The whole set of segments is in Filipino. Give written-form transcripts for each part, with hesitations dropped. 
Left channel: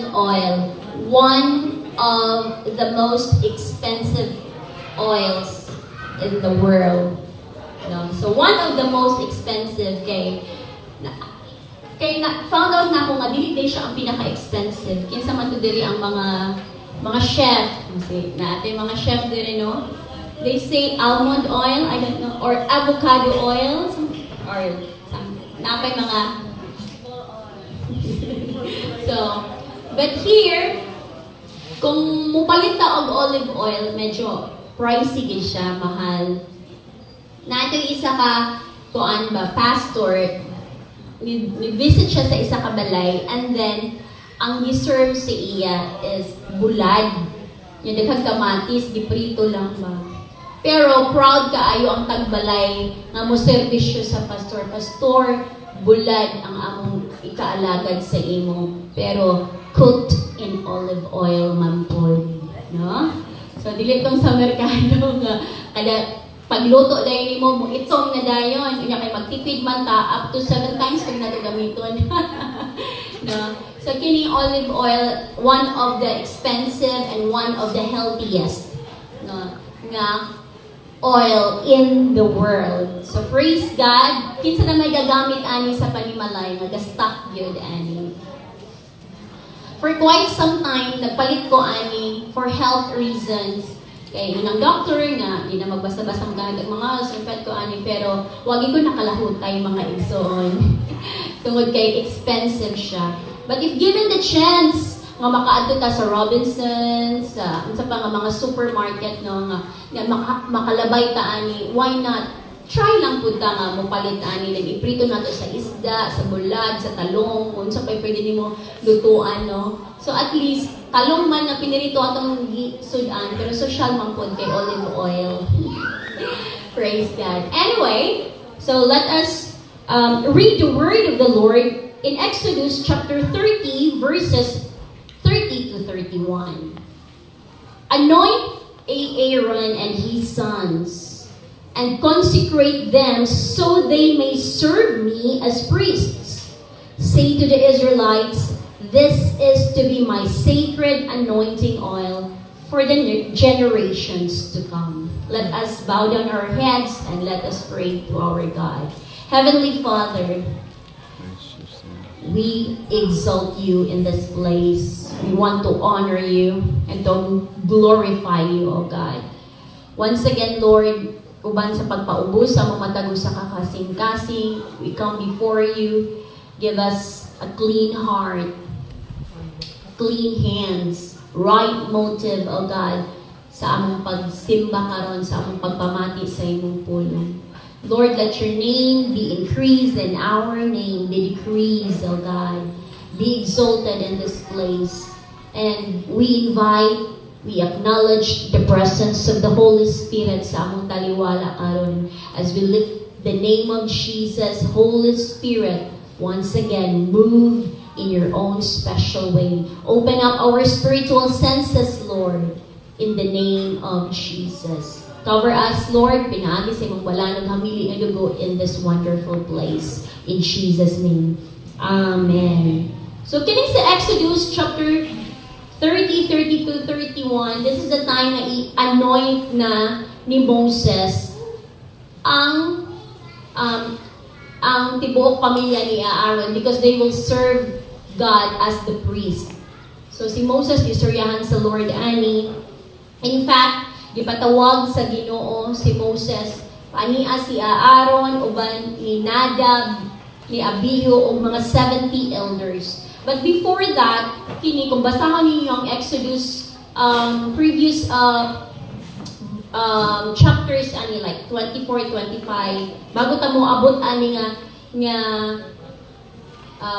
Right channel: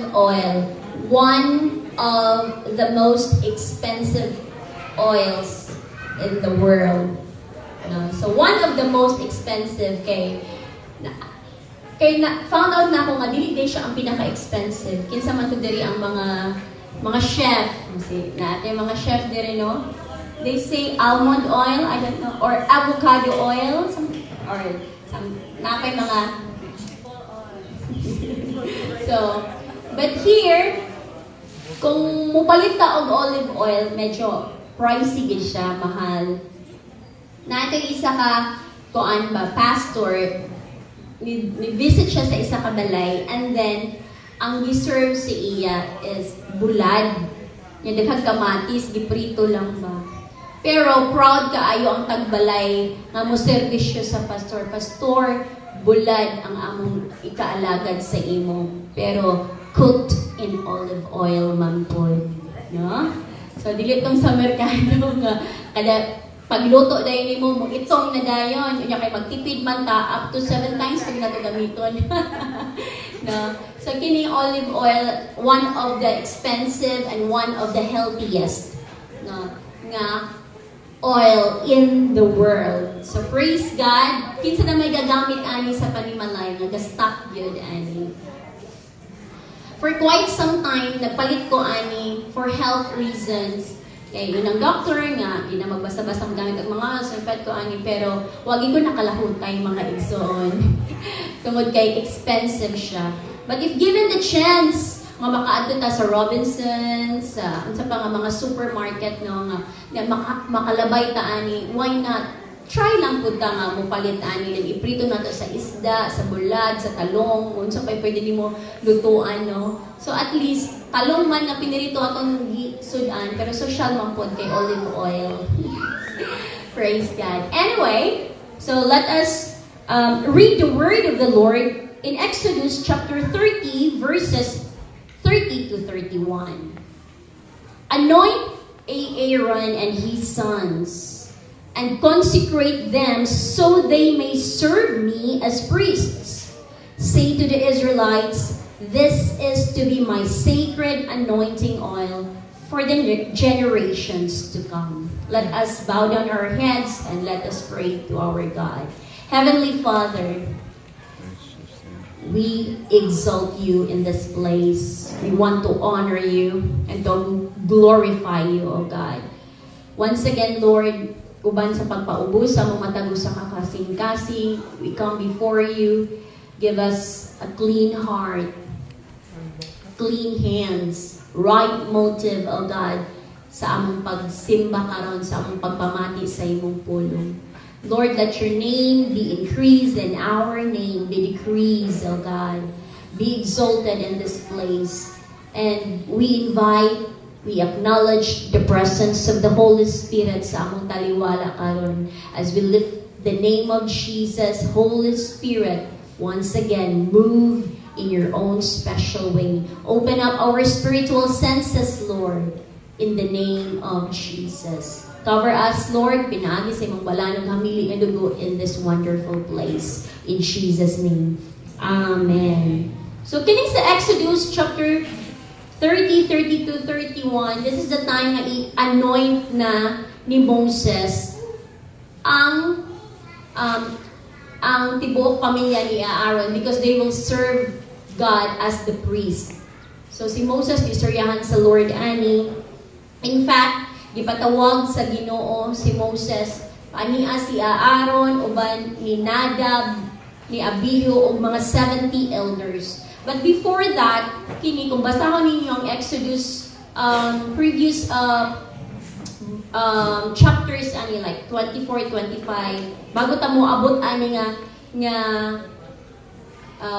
olive oil, one of the most expensive oils in the world. No? So one of the most expensive found out na ako nga dili din siya ang pinaka-expensive. Kinsa man to diri ang mga chef, kasi natin mga chef diri no. They say almond oil, I don't know, or avocado oil, napay mga so, but here, kung mupalit ta og olive oil, medyo pricey gid siya, mahal. Nato isa ka pastor, may-visit siya sa isa ka balay, and then ang giserve sa iya is bulad. Yung daghang kamatis, giprito lang ba. Pero proud kaayo ang tagbalay nga mo serbisyo sa pastor. Pastor, bulad ang among ikaalagad sa imo. Pero cooked in olive oil, Ma'am Paul. No? So, dili tong sa merkado nga kada pagluto dahil mo, itong na dayon. Kaya kay magtipid man ta, up to 7 times kung natin gamiton. No? So, kining olive oil, one of the expensive and one of the healthiest nga oil in the world. So, praise God. Kinsa na may gagamit ani sa panimalay, nag-stock yun ani. For quite some time, nagpalit ko ani for health reasons. Kaya yun ang doctor nga, di na magbasa-basa ang gamit ang mga sulfat ko ani, pero wag ko nakalahutay mga igsoon. Tungod kay expensive siya. But if given the chance, nga makaadto ta sa Robinsons, sa pa nga mga supermarket no nga makalabay ta ani, why not? Try lang pud ta nga mopalit ani, iprito nato sa isda, sa bulad, sa talong, unsa pay pwede nimo lutuan no. So at least kalong man nga pinirito atong sudan, pero social man pud kay olive oil. Praise God. Anyway, so let us read the word of the Lord in Exodus chapter 30 verses 30 to 31. Anoint Aaron and his sons, and consecrate them so they may serve me as priests. Say to the Israelites, this is to be my sacred anointing oil for the generations to come. Let us bow down our heads and let us pray to our God. Heavenly Father, we exalt you in this place. We want to honor you and to glorify you, O God. Once again, Lord, uban sa pagpaubos sa mga tago sa kakasing-kasing, we come before you. Give us a clean heart, clean hands, right motive, O God, sa among pagsimba karon, sa among pagpamati sa imong pulong. Lord, let your name be increased and our name be decreased, O God. Be exalted in this place. And we acknowledge the presence of the Holy Spirit sa among taliwala karon as we lift the name of Jesus. Holy Spirit, once again, move in your own special way. Open up our spiritual senses, Lord, in the name of Jesus. Cover us, Lord. Pinaagi sa imong balanang hamili ng dugo in this wonderful place. In Jesus' name. Amen. So, kining sa Exodus chapter 30, 32, 31, this is the time na i-anoint na ni Moses ang tibuok pamilya ni Aaron because they will serve God as the priest. So, si Moses, istoryahan sa Lord ani. In fact, gipatawag sa Ginoo si Moses, ania si Aaron, uban ni Nadab, ni Abihu, o mga 70 elders. But before that, kini kung basahan ninyo ang Exodus previous chapters ani like 24, 25, bago ta mo abot ani nga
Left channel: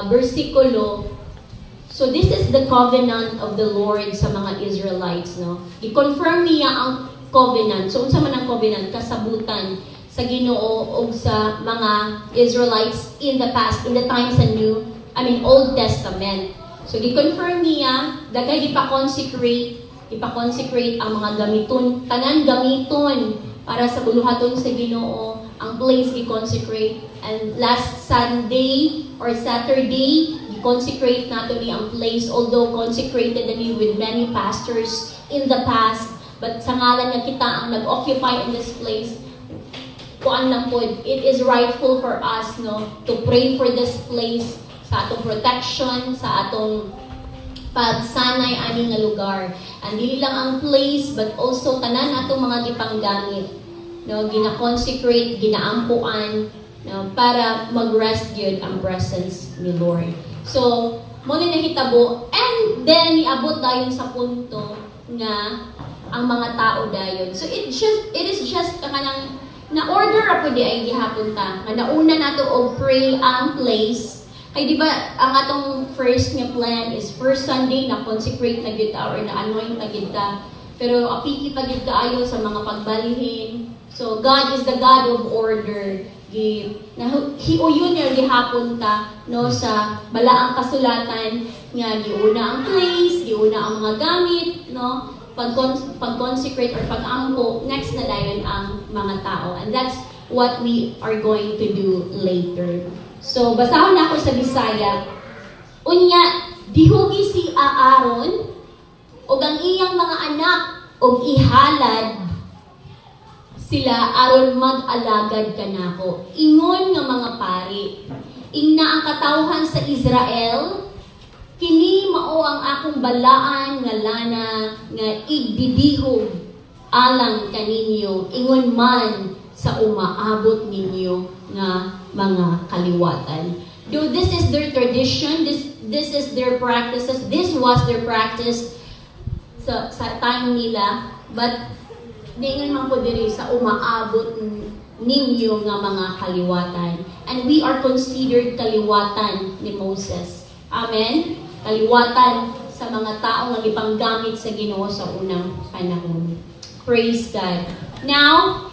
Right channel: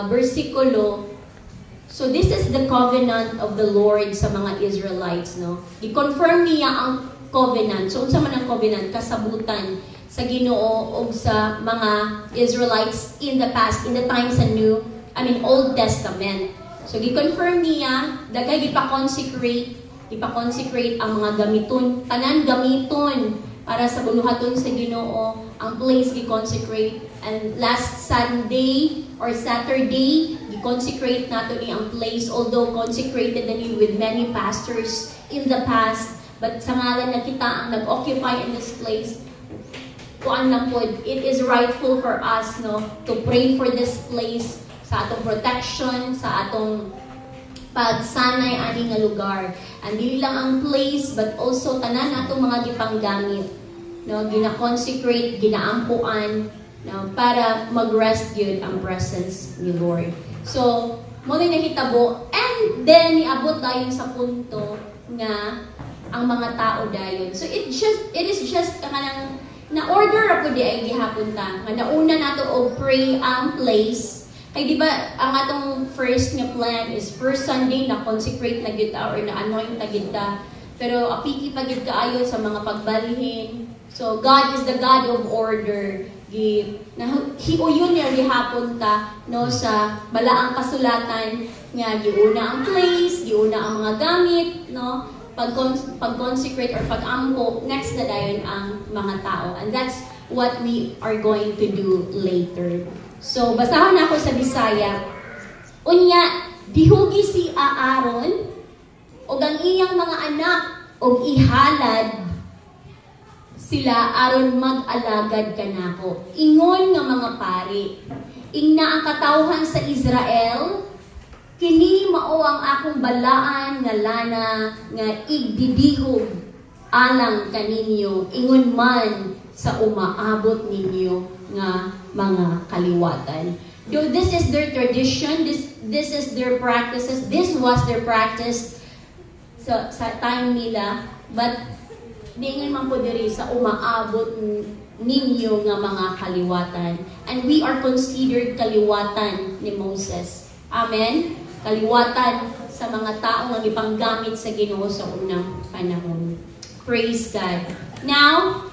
bersikulo. So this is the covenant of the Lord sa mga Israelites, no? I-confirm niya ang covenant. So unsa man ang covenant? Kasabutan sa Ginoo o sa mga Israelites in the past, in the times and Old Testament. So i-confirm niya, dagay ipa-consecrate ang mga gamiton, tanan gamiton para sa buluhaton sa Ginoo, ang place i-consecrate. And last Sunday or Saturday, i-consecrate nato ni ang place, although consecrated na ni with many pastors in the past, but sa ngalan na kita ang nag-occupy in this place, kuan lang po, it is rightful for us, no, to pray for this place, sa atong protection, sa atong pagsanay ani nga lugar. And dili lang ang place, but also tanan atong mga gipanggamit, no, gina-consecrate, ginaampuan, no, para mag-rest gyud ang presence ni Lord. So, mo ni nahitabo, and then niabot dayon sa punto nga ang mga tao dayon. So it is just kanang na order ra pud ay gihapon ta. Nga nauna nato og pray ang place. Kay di ba ang atong first nga plan is first Sunday na consecrate na gyud ta or na anoint na gyud ta. Pero apiki pa gyud kaayo sa mga pagbalhin. So God is the God of order. Hiuyon niya gihapon ta no sa balaang kasulatan nga giuna ang place, giuna ang mga gamit, no, pag-consecrate or pag-ampo, next na dayon ang mga tao. And that's what we are going to do later. So basahon ako sa Bisaya. Unya, dihugi si Aaron o ang iyang mga anak o ihalad sila aron mag-alagad kanako. Ingon nga mga pari, ingna ang katawhan sa Israel, kini mao ang akong balaan nga lana nga igbidihog alang kaninyo, ingon man sa umaabot ninyo nga mga kaliwatan. Do this is their tradition, this is their practices, this was their practice sa time nila, but diingon man po diri sa umaabot ninyo nga mga kaliwatan. And we are considered kaliwatan ni Moses. Amen? Kaliwatan sa mga tao nga gipanggamit sa Ginoo sa unang panahon. Praise God. Now,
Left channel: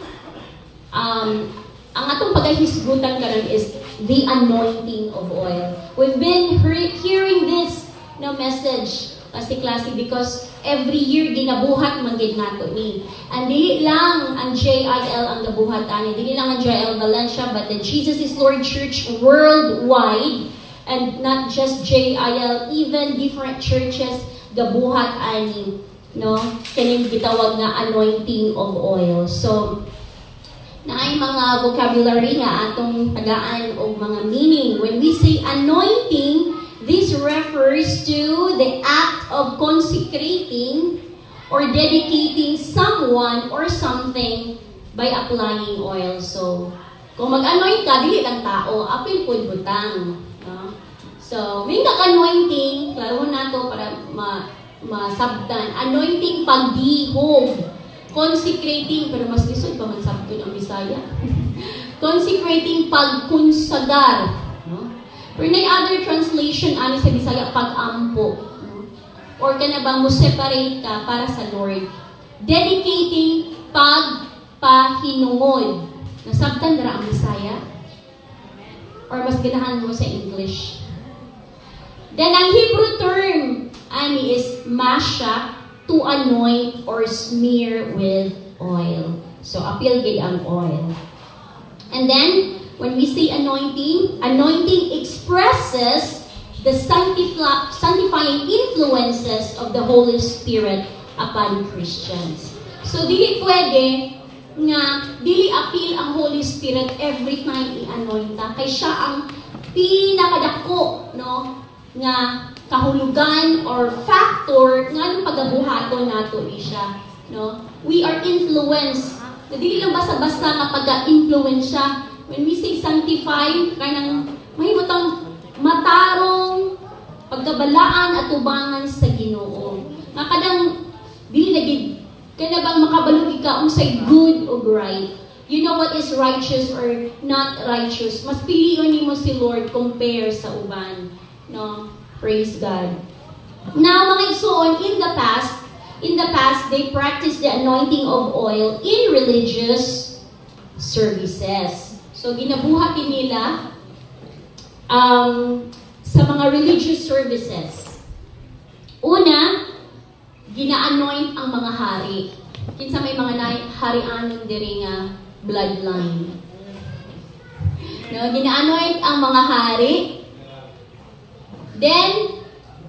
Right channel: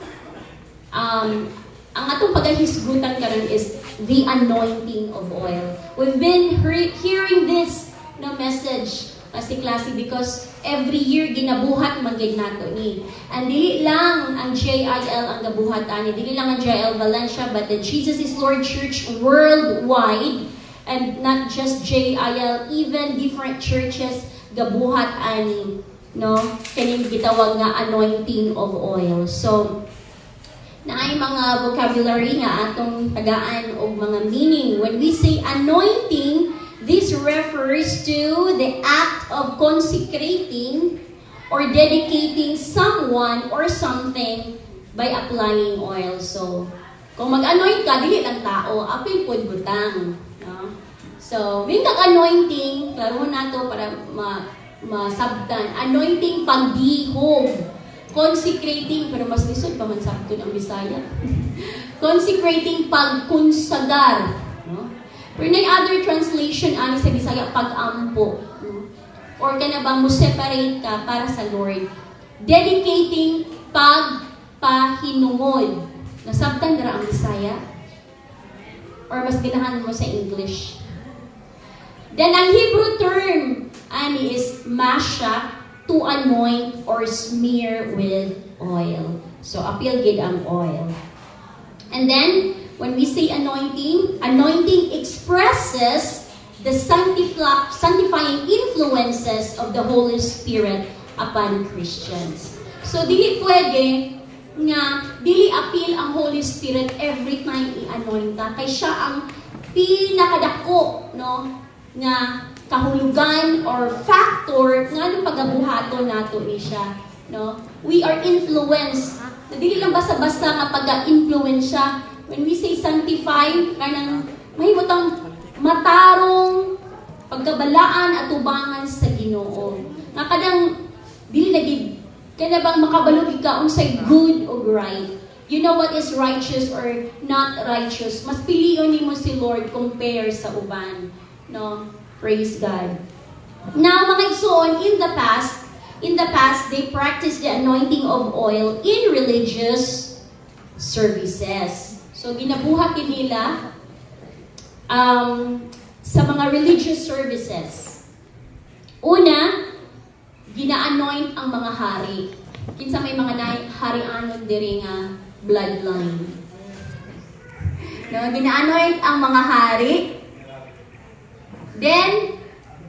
ang atong paghisgutan karon is the anointing of oil. We've been hearing this message kasi klase because every year ginabuhat magid nato ni. And dili lang ang JIL ang nabuhat ani, dili lang ang JIL Valencia, but the Jesus is Lord Church worldwide, and not just JIL, even different churches gabuhat ani, no, kaning gitawag nga anointing of oil. So naay mga vocabulary nga atong tagaan og mga meaning. When we say anointing, this refers to the act of consecrating or dedicating someone or something by applying oil. So, kung mag-anoint ka, dili lang tao, apil pud butang. No? So, may anointing, klaro na to para masabdan. Anointing pagdihog. Consecrating, pero mas lisod pa man sabto ng Bisaya. Consecrating pagkunsagar. No? Pero may other translation ani sa Bisaya, pag-ampo. Or ka na bang mo-separate ka para sa Lord. Dedicating pagpahinungod. Nasabtan dara ang Bisaya? Or mas ganahan mo sa English? Then ang Hebrew term ani is masha, to anoint or smear with oil. So apil gid ang oil. And then when we say anointing, anointing expresses the sanctifying influences of the Holy Spirit upon Christians. So dili pwede nga dili apil ang Holy Spirit every time i-anoint ta, kay siya ang pinakadako, no, nga kahulugan or factor nga nung pagabuhaton nato ni siya, no. We are influenced. Dili lang basta-basta nga pag-influence siya. When we say sanctify, kanang mahimutang matarong pagkabalaan at tubangan sa Ginoo. Na kadang dili na gid kaya bang makabalog ka unsay good o right. You know what is righteous or not righteous. Mas pilion nimo si Lord compare sa uban, no. Praise God. Now, mga igsoon, in the past, they practiced the anointing of oil in religious services. So, ginabuhat nila sa mga religious services. Una, gina-anoint ang mga hari. Kinsa may mga hari-anon diri nga bloodline. No, gina-anoint ang mga hari. Then,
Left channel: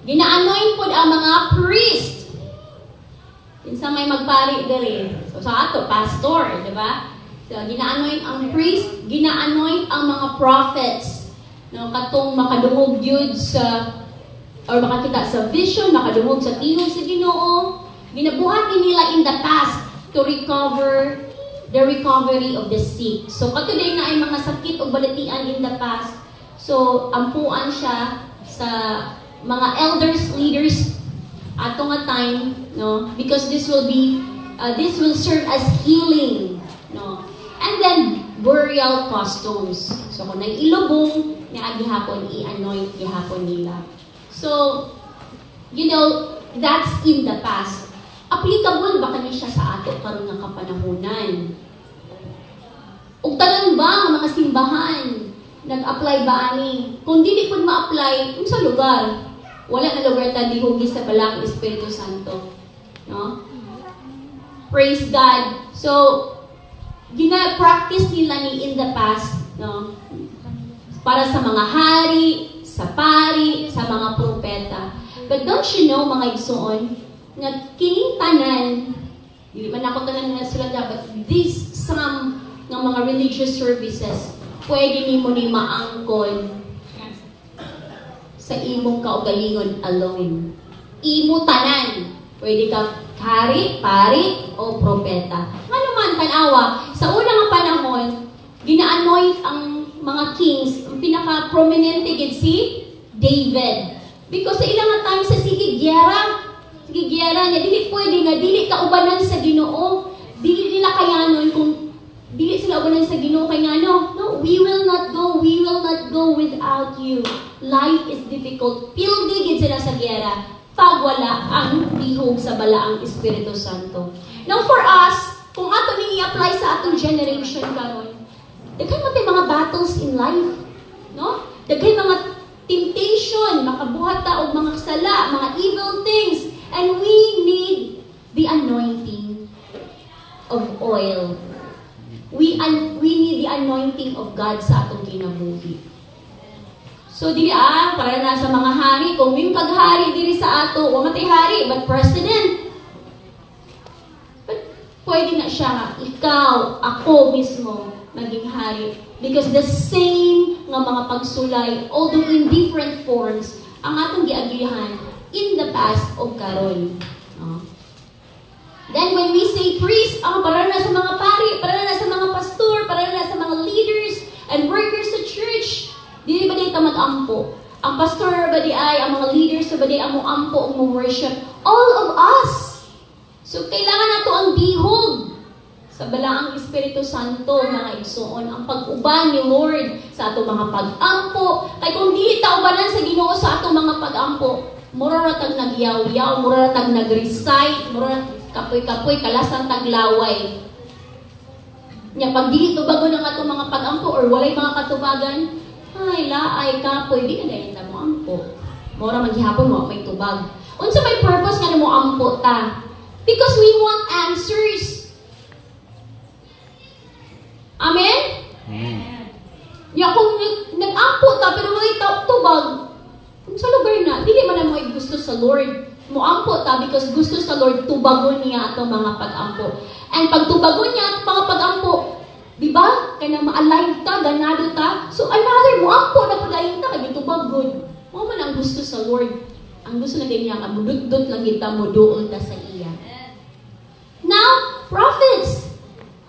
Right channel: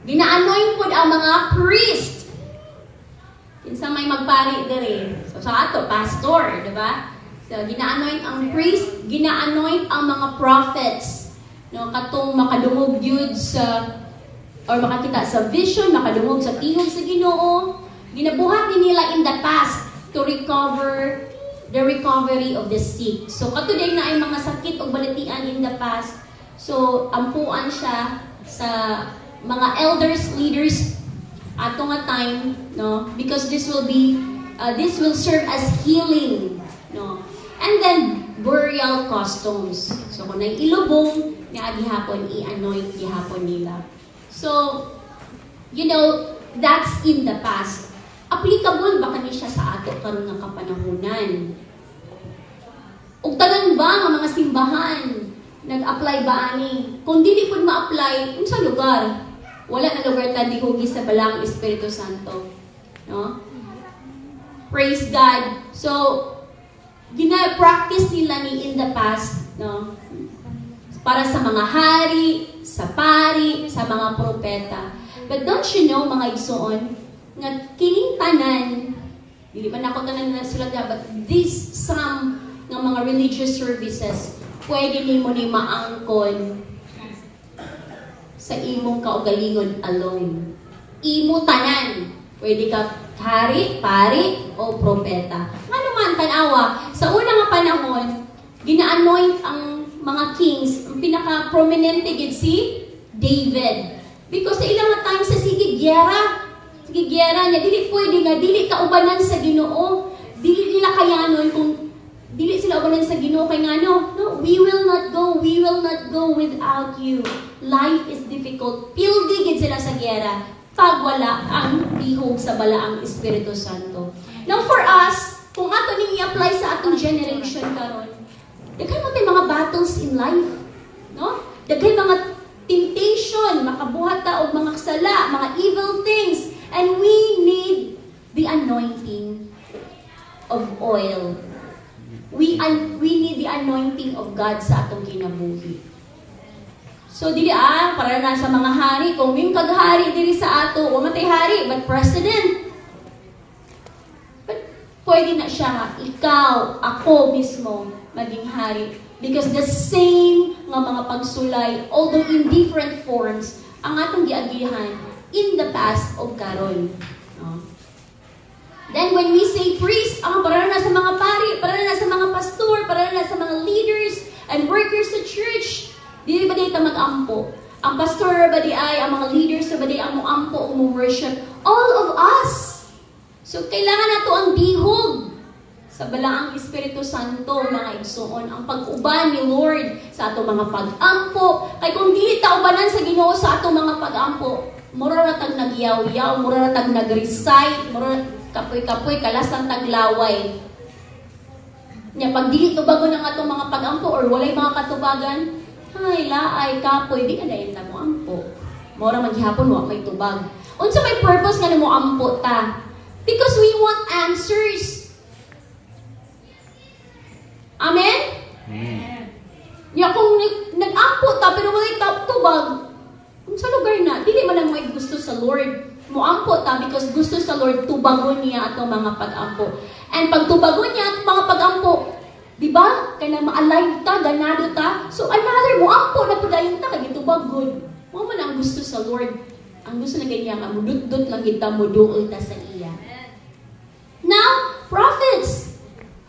gina-anoint po ang mga priest. Kinsa may magpari diri. So, sa ato, pastor, di ba? So, gina-anoint ang priest, gina-anoint ang mga prophets. No, katong makadungog yun sa, or makakita sa vision, makadungog sa tingog sa Ginoo. Ginabuhat din nila in the past to recover the recovery of the sick. So, katuloy na ay mga sakit o balatian in the past. So, ampuan siya sa mga elders, leaders, ato nga time, no? Because this will serve as healing, no? And then, burial customs. So, kung nang ilubong, na gihapon, i-anoint gihapon nila. So, you know, that's in the past. Applicable ba kani siya sa ato karong nga kapanahonan? Ug tanan ba nga mga simbahan nag-apply ba ani? Kung dili pud ma-apply, unsa lugar? Wala na lugar ta dihugi sa balang Espiritu Santo. No? Praise God. So, gina-practice nila ni in the past, no? Para sa mga hari, sa pari, sa mga propeta. But don't you know, mga igsoon, na kining tanan, hindi man ako tanan na sila dapat, these some ng mga religious services, pwede ni mo ni maangkon sa imong kaugalingon alone. Imo tanan. Pwede ka hari, pari, o propeta. Ano man tanawa, sa unang panahon, gina-anoint ang mga kings, ang pinaka-prominente gid si David. Because sa ilang time sa sige gyera niya, dili pwede nga, dili kaubanan sa Ginoo, dili nila kayanon kung dili sila ubanan sa Ginoo kay ngano, no, we will not go without you. Life is difficult. Pildi gid sila sa gyera pag wala ang bihog sa balaang Espiritu Santo. Now for us, kung ato ning i-apply sa atong generation karon, daghan mo mga battles in life, no? Daghan mga temptation, makabuhat ta og mga sala, mga evil things, and we need the anointing of oil. We need the anointing of God sa atong kinabuhi. So dili para na sa mga hari, kung yung kaghari diri sa ato, o matay hari, but president. But pwede na siya, ikaw, ako mismo, maging hari. Because the same nga mga pagsulay, although in different forms, ang atong giagihan in the past o karon. No? Then when we say priest, para na sa mga pari, para na sa mga pastor, para na sa mga leaders and workers sa church, dili ba di ta mag-ampo? Ang pastor ba di ay, ang mga leaders ba di ang mo-ampo, ang mo-worship? All of us. So kailangan nato ang bihog sa balaang Espiritu Santo, mga igsoon, ang pag-uban ni Lord sa ato mga pag-ampo. Kay kung dili ta ubanan sa Ginoo sa ato mga pag-ampo, mura ra tag nagyaw-yaw, mura ra tag nag-recite, mura ra kapoy-kapoy, kalasan taglaway. Nya pag dili tubagon ang atong mga pag-ampo or walay mga katubagan, ay laay kapoy, di ka dahil ta mo ampo. Mura maghihapon wa may tubag. Unsa may purpose nga mo ampo ta? Because we want answers. Amen? Amen. Nya kung nag-ampo ta pero walay tubag, sa lugar na, dili man na mo gusto sa Lord. Muampo ta because gusto sa Lord tubagon niya atong mga pag-ampo. And pag tubagon niya atong mga pag-ampo, di ba? Kaya ma-alive ta, ganado ta. So another muampo na padayon ta, kaya tubagon. Mo man ang gusto sa Lord. Ang gusto na ganyan, mudut-dut lang kita, muduol ta sa iya. Now, prophets.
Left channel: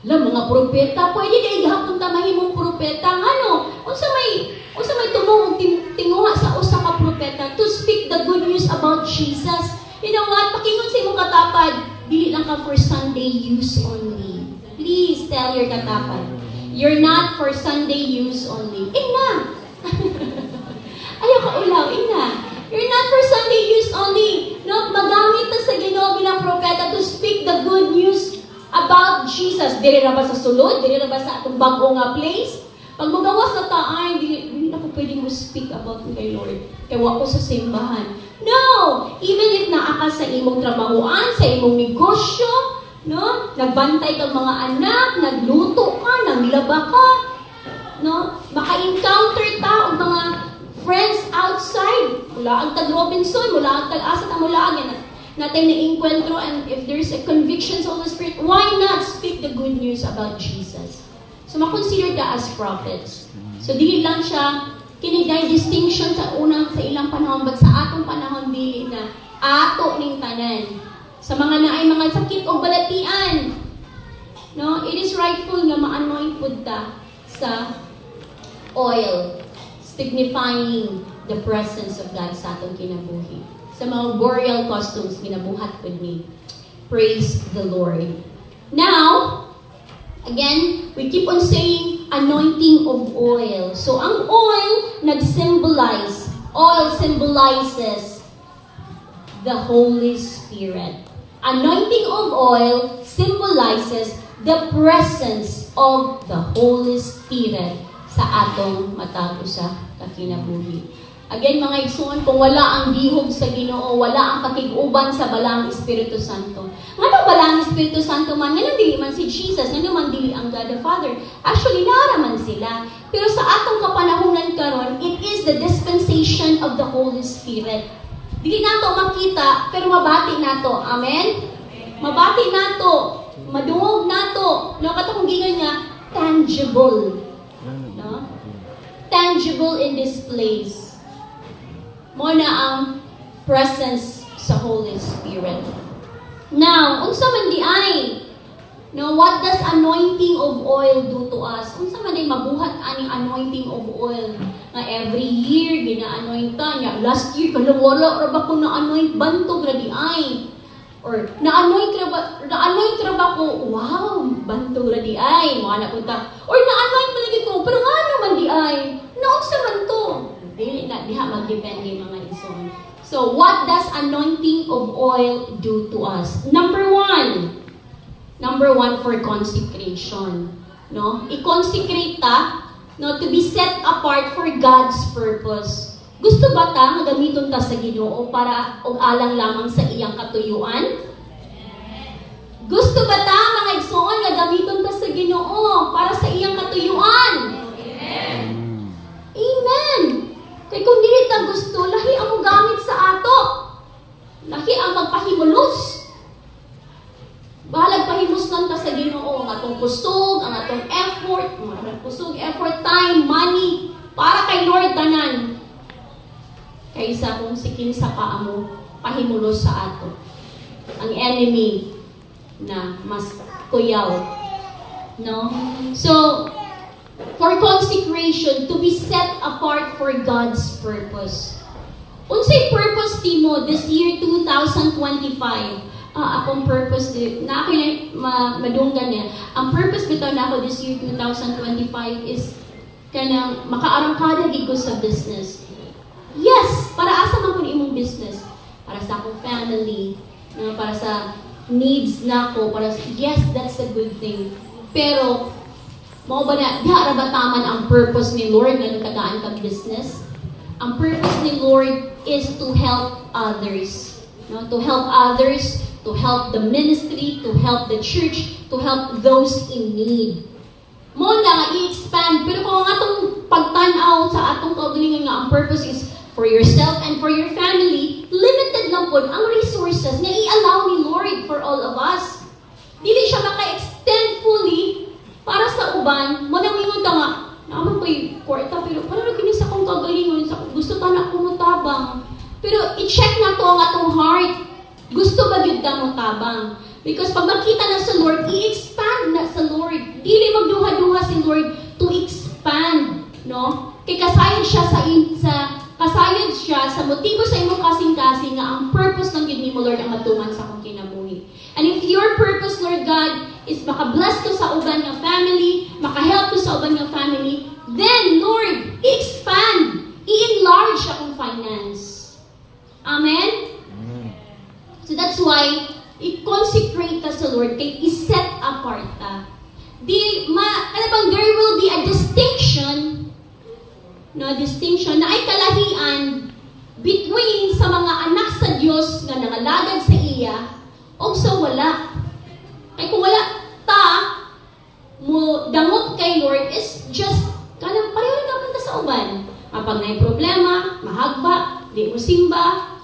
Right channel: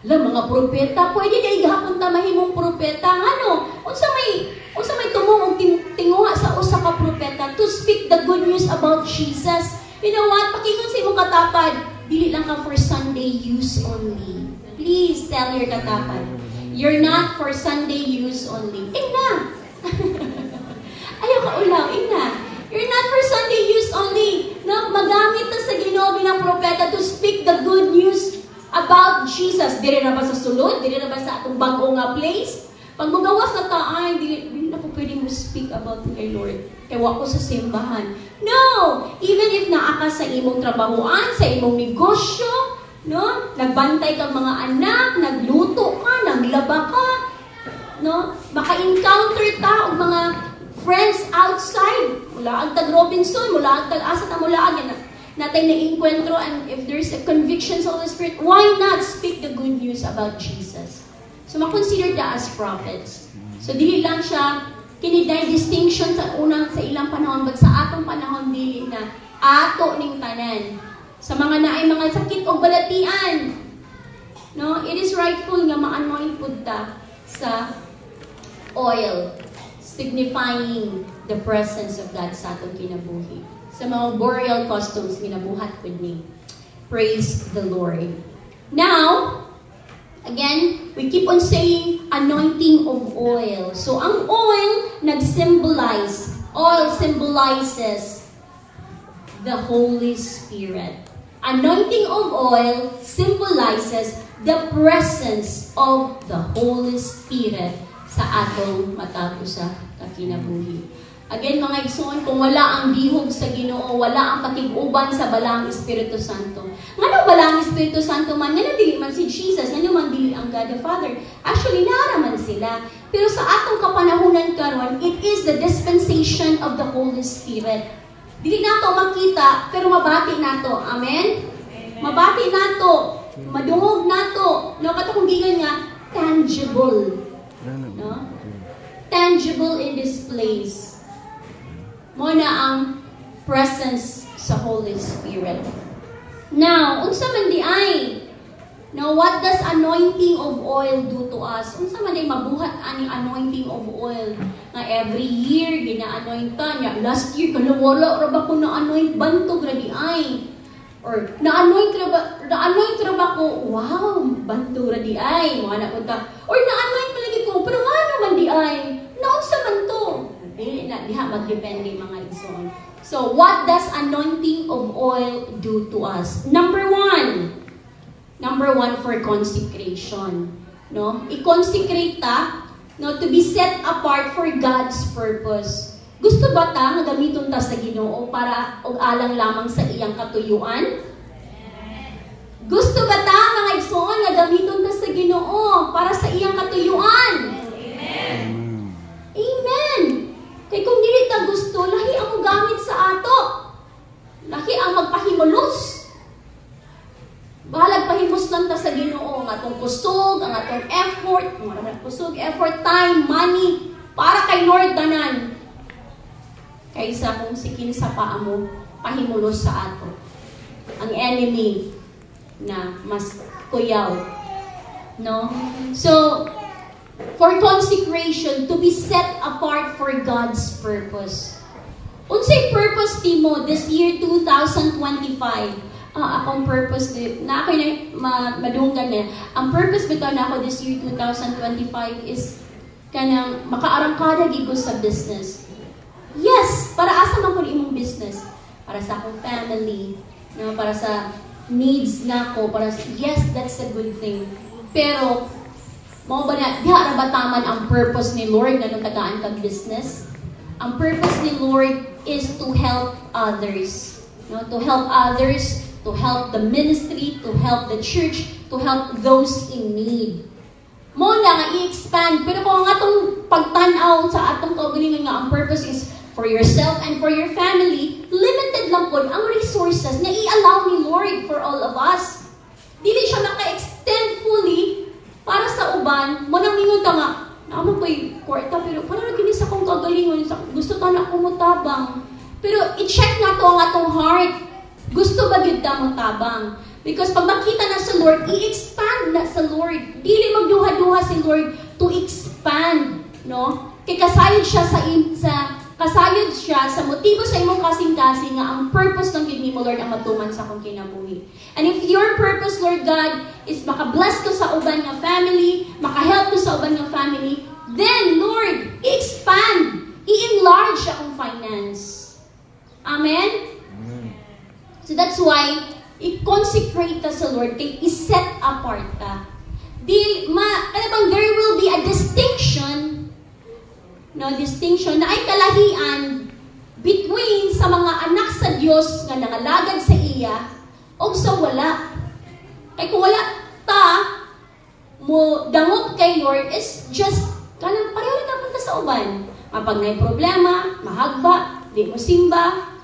Alam, mga propeta, pwede na igahapon ta mahimong propeta. Ano? Unsa may tumong tinguha sa usa ka propeta to speak the good news about Jesus. You know what? Pakingon sa imong katapad, dili lang ka for Sunday use only. Please tell your katapad, you're not for Sunday use only. Ina! Ayaw ka ulaw, ina. You're not for Sunday use only. No, magamit na sa Ginoo bilang propeta to speak the good news about Jesus. Dili na ba sa sulod? Dili na ba sa atong bago nga place? Pag magawas na ta, ay, hindi na ko pwedeng speak about kay Lord. Kaya ko sa simbahan. No! Even if naa ka sa imong trabahoan, sa imong negosyo, no? Nagbantay kang mga anak, nagluto ka, naglaba ka, no? Maka-encounter ta o mga friends outside. mula ang tag Robinson, mula ang tag asa na mula ang natin na encuentro, and if there's a conviction sa Holy Spirit, why not speak the good news about Jesus? So, makonsider ka as prophets. So, dili lang siya kiniday distinction sa ilang panahon, but sa atong panahon, dili na ato ning tanan. Sa mga naay mga sakit o balatian, no, it is rightful nga ma-anoint pud ta sa oil, signifying the presence of God sa atong kinabuhi. Sa mga burial customs, minabuhat with me. Praise the Lord. Now, again, we keep on saying anointing of oil. So, ang oil oil symbolizes the Holy Spirit. Anointing of oil symbolizes the presence of the Holy Spirit sa atong matapos sa kakinabuhi. Again, mga igsoon, kung wala ang dihog sa Ginoo, wala ang pakiguban sa balang Espiritu Santo. Nga balang Espiritu Santo man, nga dili man si Jesus, nga naman dili ang God the Father. Actually, naraman sila. Pero sa atong kapanahunan karon, it is the dispensation of the Holy Spirit. Dili nato makita, pero mabati nato. Amen? Mabati nato. Madungog nato. Nakatong gingan nga, tangible. No? Tangible in this place. Mo na ang presence sa Holy Spirit. Now, unsa man di ay, no, what does anointing of oil do to us? Unsa man di mabuhat aning anointing of oil? Na every year gina-anointan niya. Last year kala wala ra ba ko na-anoint bantog ra di ay. Or na-anoint ra ba ko? Wow, bantog ra di ay. Mo ana punta. Or na-anoint talaga ko, pero nga naman di ay. Naunsa man to? Dili na diha magdepende mga igsoon. So, what does anointing of oil do to us? Number one for consecration. No? I-consecrate ta, no, to be set apart for God's purpose. Gusto ba ta nga gamiton ta sa Ginoo para og alang lamang sa iyang katuyuan? Gusto ba ta mga igsoon nga gamiton ta sa Ginoo para sa iyang katuyuan? Amen. Kaya kung dili ta gusto, lahi ang gamit sa ato. Lahi ang magpahimulos. Bahalag pahimuslan ta sa Ginoo, ang atong kusog, ang atong effort, time, money, para kay Lord tanan. Kaysa kung sikin sa paamo, pahimulos sa ato. Ang enemy na mas kuyaw. No? So, for consecration, to be set apart for God's purpose. Unsay purpose timo this year 2025? Akong purpose na ako madunggan niya. Ang purpose bitaw na ako this year 2025 is kanang makaarangkada gigo sa business. Yes, para asa man kun imong business? Para sa akong family, no, para sa needs nako, yes, that's a good thing. Pero mo ba na, diha ra ba taman ang purpose ni Lord nga tagaan kag business? Ang purpose ni Lord is to help others. No? To help others, to help the ministry, to help the church, to help those in need. Mo na nga i-expand, pero kung ang atong pagtan-aw sa atong kaugalingon nga ang purpose is for yourself and for your family, limited lang po ang resources na i-allow ni Lord for all of us. Dili siya maka-extend fully para sa uban, mo nang ingon ta nga, naman ko'y kwarta, pero parang kinis akong kagalingon, gusto ta na akong mutabang. Pero i-check na to ang atong heart. Gusto ba yun ta mutabang? Because pag makita na sa Lord, i-expand na sa Lord. Dili magduha-duha si Lord to expand, no? Kay kasayod siya sa motibo sa imong kasing-kasing nga ang purpose ng gid nimo Lord ang matungan sa akong kinabuhi. And if your purpose, Lord God, is makabless ko sa uban ng family, makahelp ko sa uban ng family, then Lord, i-expand, i-enlarge akong finance. Amen? So that's why i-consecrate ka sa Lord, kay i-set apart ka. There will be a distinction na ay kalahian between sa mga anak sa Dios nga nangalagad sa iya o sa wala. Kaya kung wala ta mo dangot kay Lord is just kanang pareho na punta sa uban. Mapag may problema, mahagba, di mo simba,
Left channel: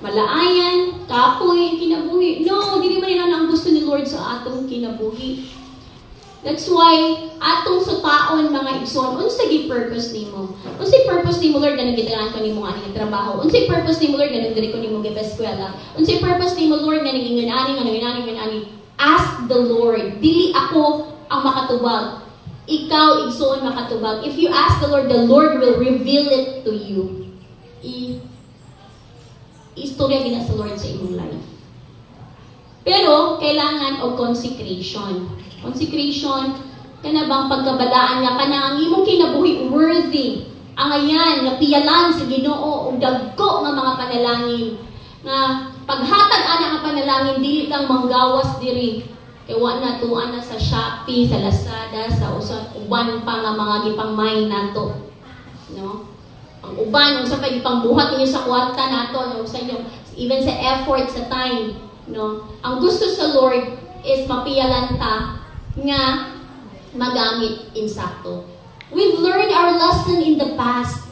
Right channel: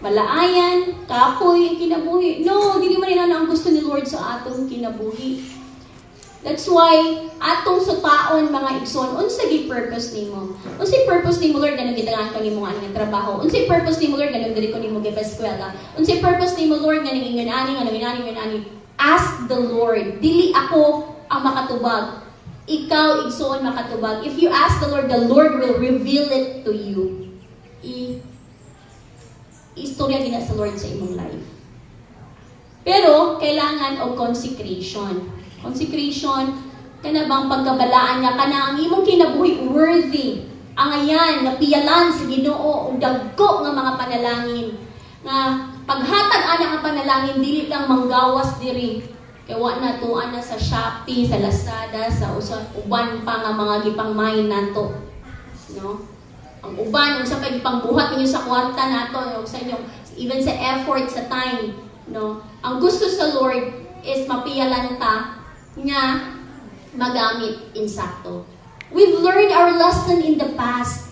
malaayan, kapoy, kinabuhi. No, di man yun ang gusto ni Lord sa atong kinabuhi. That's why, atong sutaon mga igsoon, unsay purpose nimo? Unsay purpose nimo, Lord, ganang gitagaan kang imong aning trabaho? Unsay purpose nimo, Lord, ganang diri ko nimo gipa-eskwela? Unsay purpose nimo, Lord, ganang ingan-ani? Ask the Lord. Dili ako ang makatubag. Ikaw, igsoon, makatubag. If you ask the Lord will reveal it to you. Istorya gina sa Lord sa imong life. Pero, kailangan og consecration. Consecration, kana bang pagkabalaan niya, kana ang imong kinabuhi worthy. Ang ayan, napiyalan sa Ginoo og dagko nga mga panalangin. Nga paghatag ana nga panalangin, dili lang manggawas diri. Kay wa na tuan na sa Shopee, sa Lazada, sa uban pa nga mga gipangmain nato. No? Ang uban unsa kay gipangbuhat ninyo sa kwarta nato, sa inyo, even sa effort, sa time, no? Ang gusto sa Lord is mapiyalan ta nga magamit insakto. We've learned our lesson in the past.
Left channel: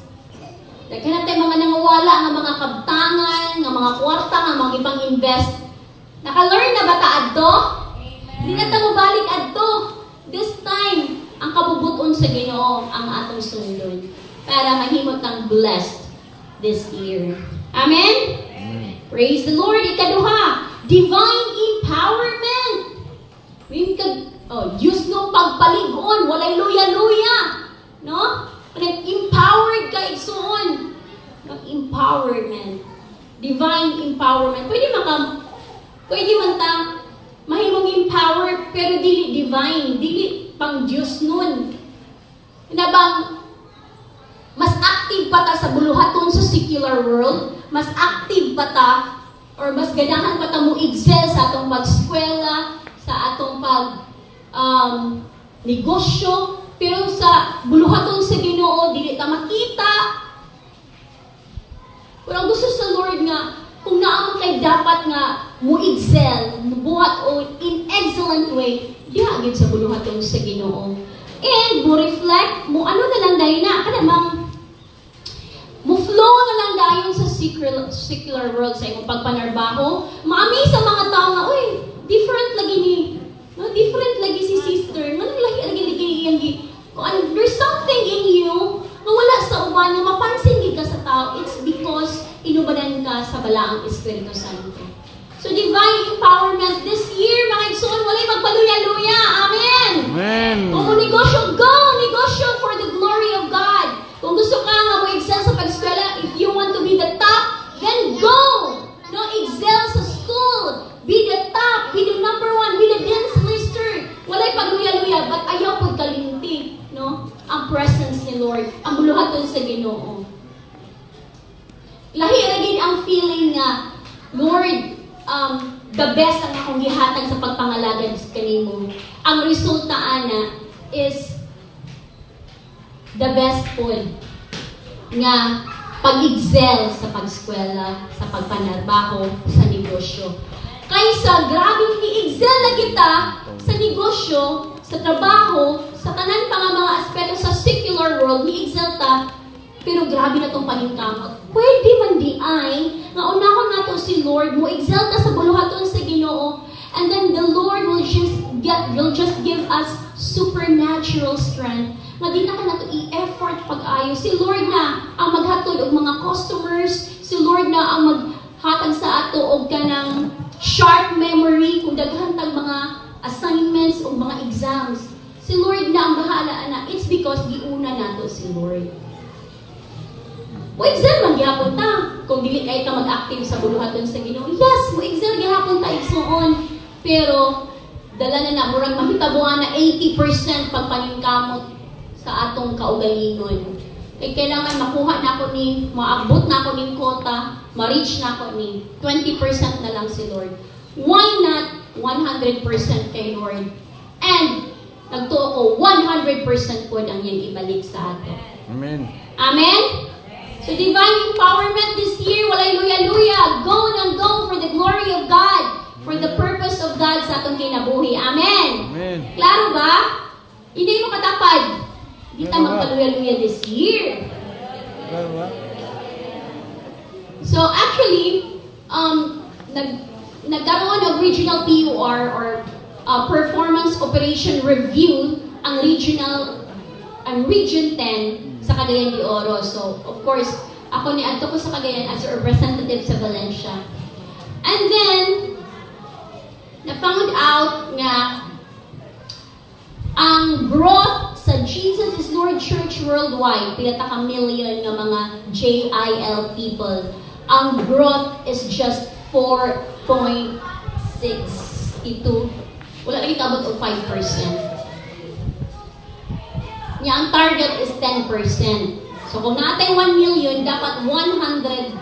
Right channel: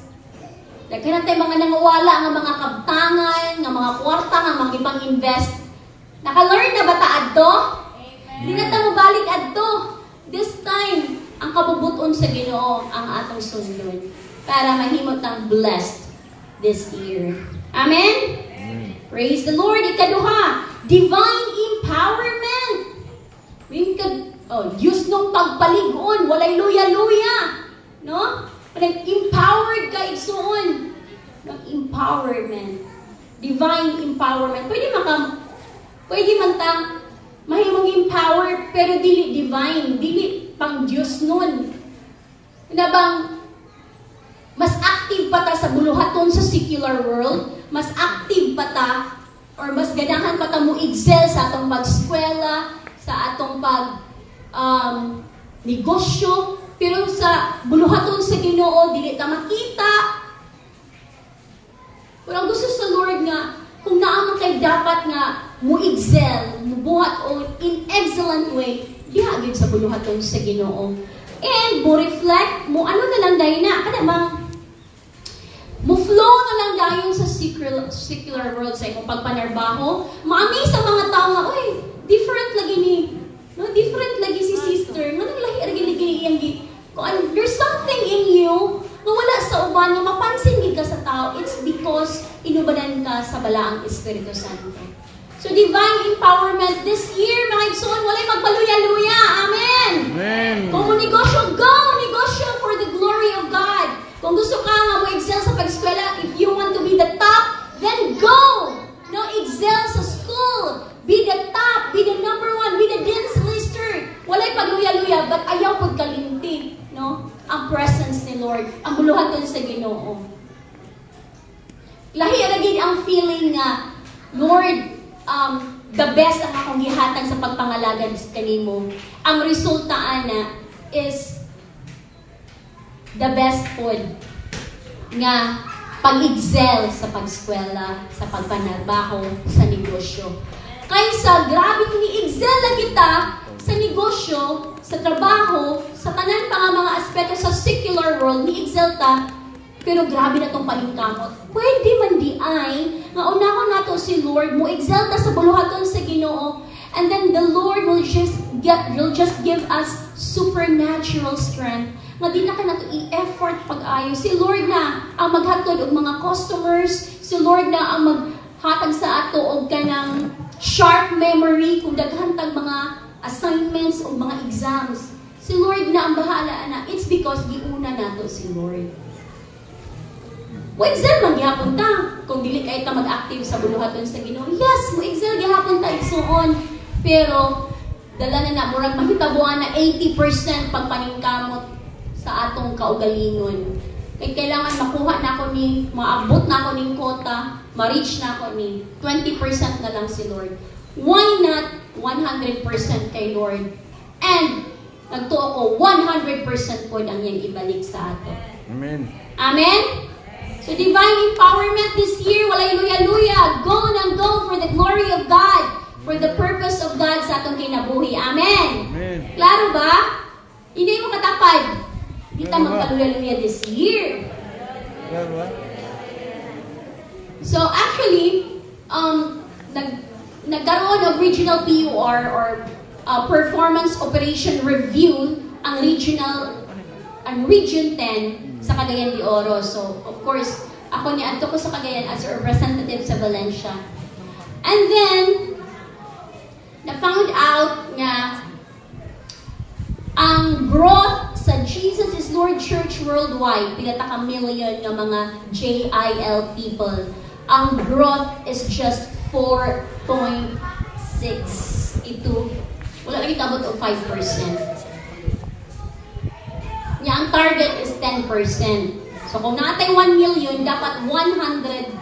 Daghan natin mga nangawala nga mga kabtangan, nga mga kwarta, nga mga ipang-invest. Naka-learn na ba ta adto? Hindi na ta mabalik adto. This time, ang kabubuton sa Ginoo ang atong sundon para mahimot ng blessed this year. Amen? Amen. Praise the Lord. Ikaduha, divine empowerment. Diyos nung pagpaligon, walay luya-luya. No? Nag-empowered ka, igsoon. Nag-empowerment. Divine empowerment. Pwede man ta, mahimong empower, pero dili divine, dili pang Diyos nun. Na bang, mas active pa ta sa buluhaton sa secular world, mas active pa ta, or mas ganahan pa ta mo excel sa atong pag-eskwela, sa atong negosyo, pero sa buluhaton sa Ginoo, dili ta makita. Pero ang gusto sa Lord nga, kung naamang kay dapat nga mo-excel, mo-buhat o in excellent way, diagid sa buluhaton sa Ginoo. And mo-reflect, ano na lang dahil na, kanamang, mo-flow na lang dahil sa secular world sa ikong pagpanarbaho. Maami sa mga tao nga, uy, different lagi ni, no, different lagi si sister, manang lagi there's something in you na wala sa uban, na mapansin ka sa tao. It's because inubanan ka sa balaang Espiritu Santo. So divine empowerment this year, mga igsoon, walay magpaluya-luya. Amen! Amen! Kung negosyo, go! Negosyo for the glory of God. Kung gusto ka nga mo-excel sa pag-eskwela, if you want to be the top, then go! No, excel sa school. Be the top, be the number one, be the dance lister. Walay pagluya-luya, but ayaw pagkalinti. No? Ang presence ni Lord, ang buluhaton sa Ginoo. Lahi lagi ang feeling nga, Lord, the best ang akong gihatag sa pagpangalagad sa kanimo. Ang resulta ana is the best pod nga pag-excel sa pag-eskwela, sa pagpanarbaho, sa negosyo. Kaysa grabing ni-excel na kita sa negosyo, sa trabaho, sa tanan pa nga mga aspeto sa secular world, ni-excel ta, pero grabe na itong paningkamot. Pwede man di ay, nga unahon nato si Lord, mo excel ta sa buluhaton sa Ginoo, and then the Lord will just give us supernatural strength. Nga di na ka nato i-effort pag-ayo. Si Lord na ang maghatod og mga customers, si Lord na ang maghatag sa ato og kanang sharp memory kung daghan tag mga assignments o mga exams. Si Lord na ang bahala, anak. It's because giuna nato si Lord. Mo-excel man gihapon ta. Kung dili kay ka mag-active sa buluhaton sa Ginoo, yes, mo-excel gihapon ta igsuon. Pero dala na murag mahitabuan na 80% pagpaningkamot sa atong kaugalingon. Kaya kailangan makuha na ako maabot na ako ning quota, ma-reach na ako ni 20% na lang si Lord. Why not 100% kay Lord? And nagtuo ko 100% po ang iyang ibalik sa ato. Amen. Amen? So divine empowerment this year, walay luya-luya, go nang go for the glory of God, for the purpose of God sa atong kinabuhi. Amen. Amen. Klaro ba? Hindi mo katapad. Hindi tayo magkaluya-luya this year. Klaro ba? Operation Review ang Region 10 sa Cagayan de Oro. So, of course, ako ni Anto ko sa Cagayan as a representative sa Valencia. And then, na-found out nga ang growth sa Jesus is Lord Church worldwide, pinata ka million ng mga JIL people, ang growth is just 4.6. Ito, wala lagi tabot o 5%. Nya ang target is 10%. So kung natay 1 million, dapat 100,000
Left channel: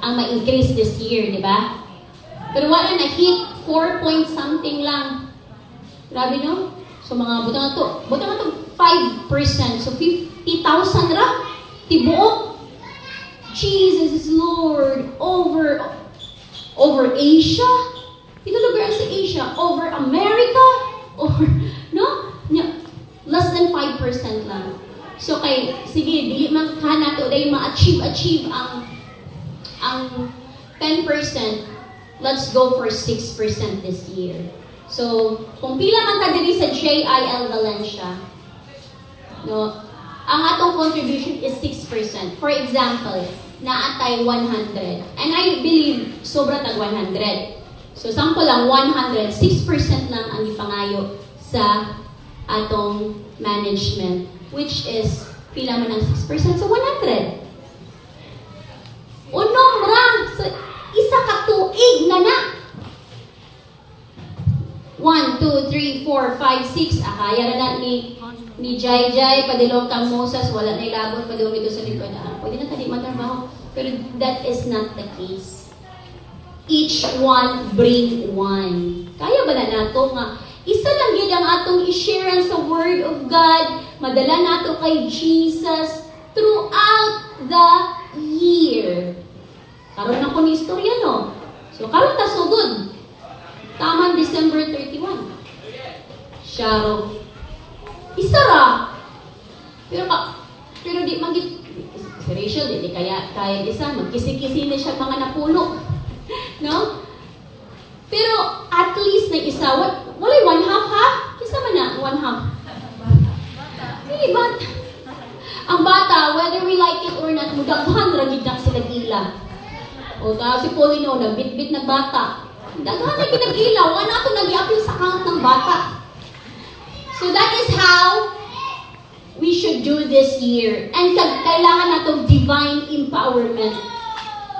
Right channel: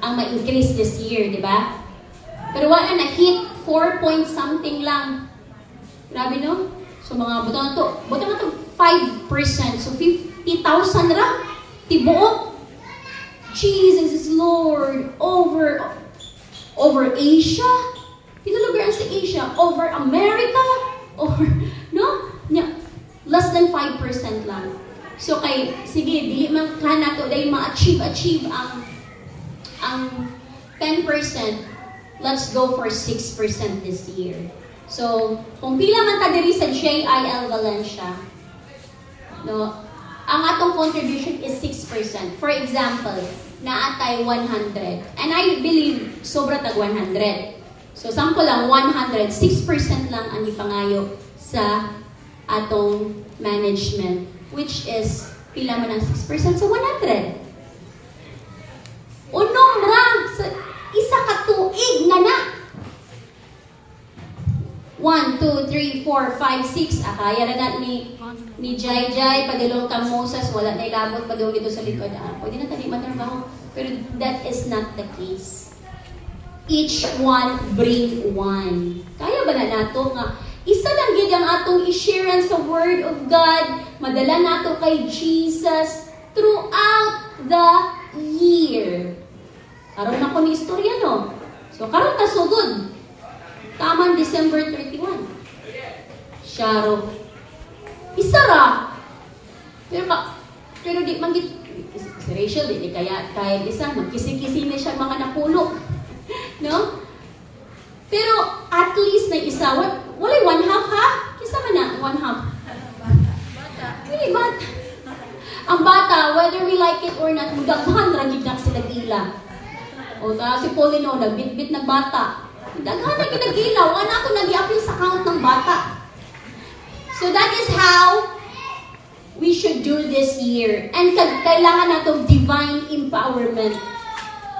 ang ma-increase this year, di ba? Pero wala na hit 4 point something lang. Grabe no? So mga buto na to 5%. So 50,000 ra. Tibuok. Jesus is Lord over Asia. Ito lugar sa Asia. Over America. Over, no? Less than 5% lang. So kay, sige, dili man kana to, dahil ma-achieve ang 10%, let's go for 6% this year. So, kung pila man ta diri sa JIL Valencia, no, ang atong contribution is 6%. For example, naatay 100. And I believe, sobra tag 100. So, sample lang, 100. 6% lang ang ipangayo sa atong management, which is, pila man ang 6%? So, 100. Unong lang, isa ka tuig na na. 1, 2, 3, 4, 5, 6. Akaya na na ni Jai, padilong kang Moses, wala na ilabot pa daw ito sa likod. Pwede na tali matrabaho. Pero that is not the case. Each one bring one. Kaya ba na nato nga isa lang gid ang atong i-share sa Word of God, madala nato kay Jesus throughout the year. Karon ako ni istorya, no? So, karon ta sugod. Taman December 31. Sharo. Isa ra. Pero di man gid si Rachel, di kaya isa magkisi-kisi na siya mga napuno. No? Pero at least na isa, walay 1/2 ha? Kisa man na 1/2. Hindi ba? Ang bata, whether we like it or not, mudaghan ragid na sila gila. O ta si Paulino, nagbit-bit na bata. Daghan na ginagila, wala ako nag-i-appeal sa account ng bata. So that is how we should do this year. And kailangan natong divine empowerment.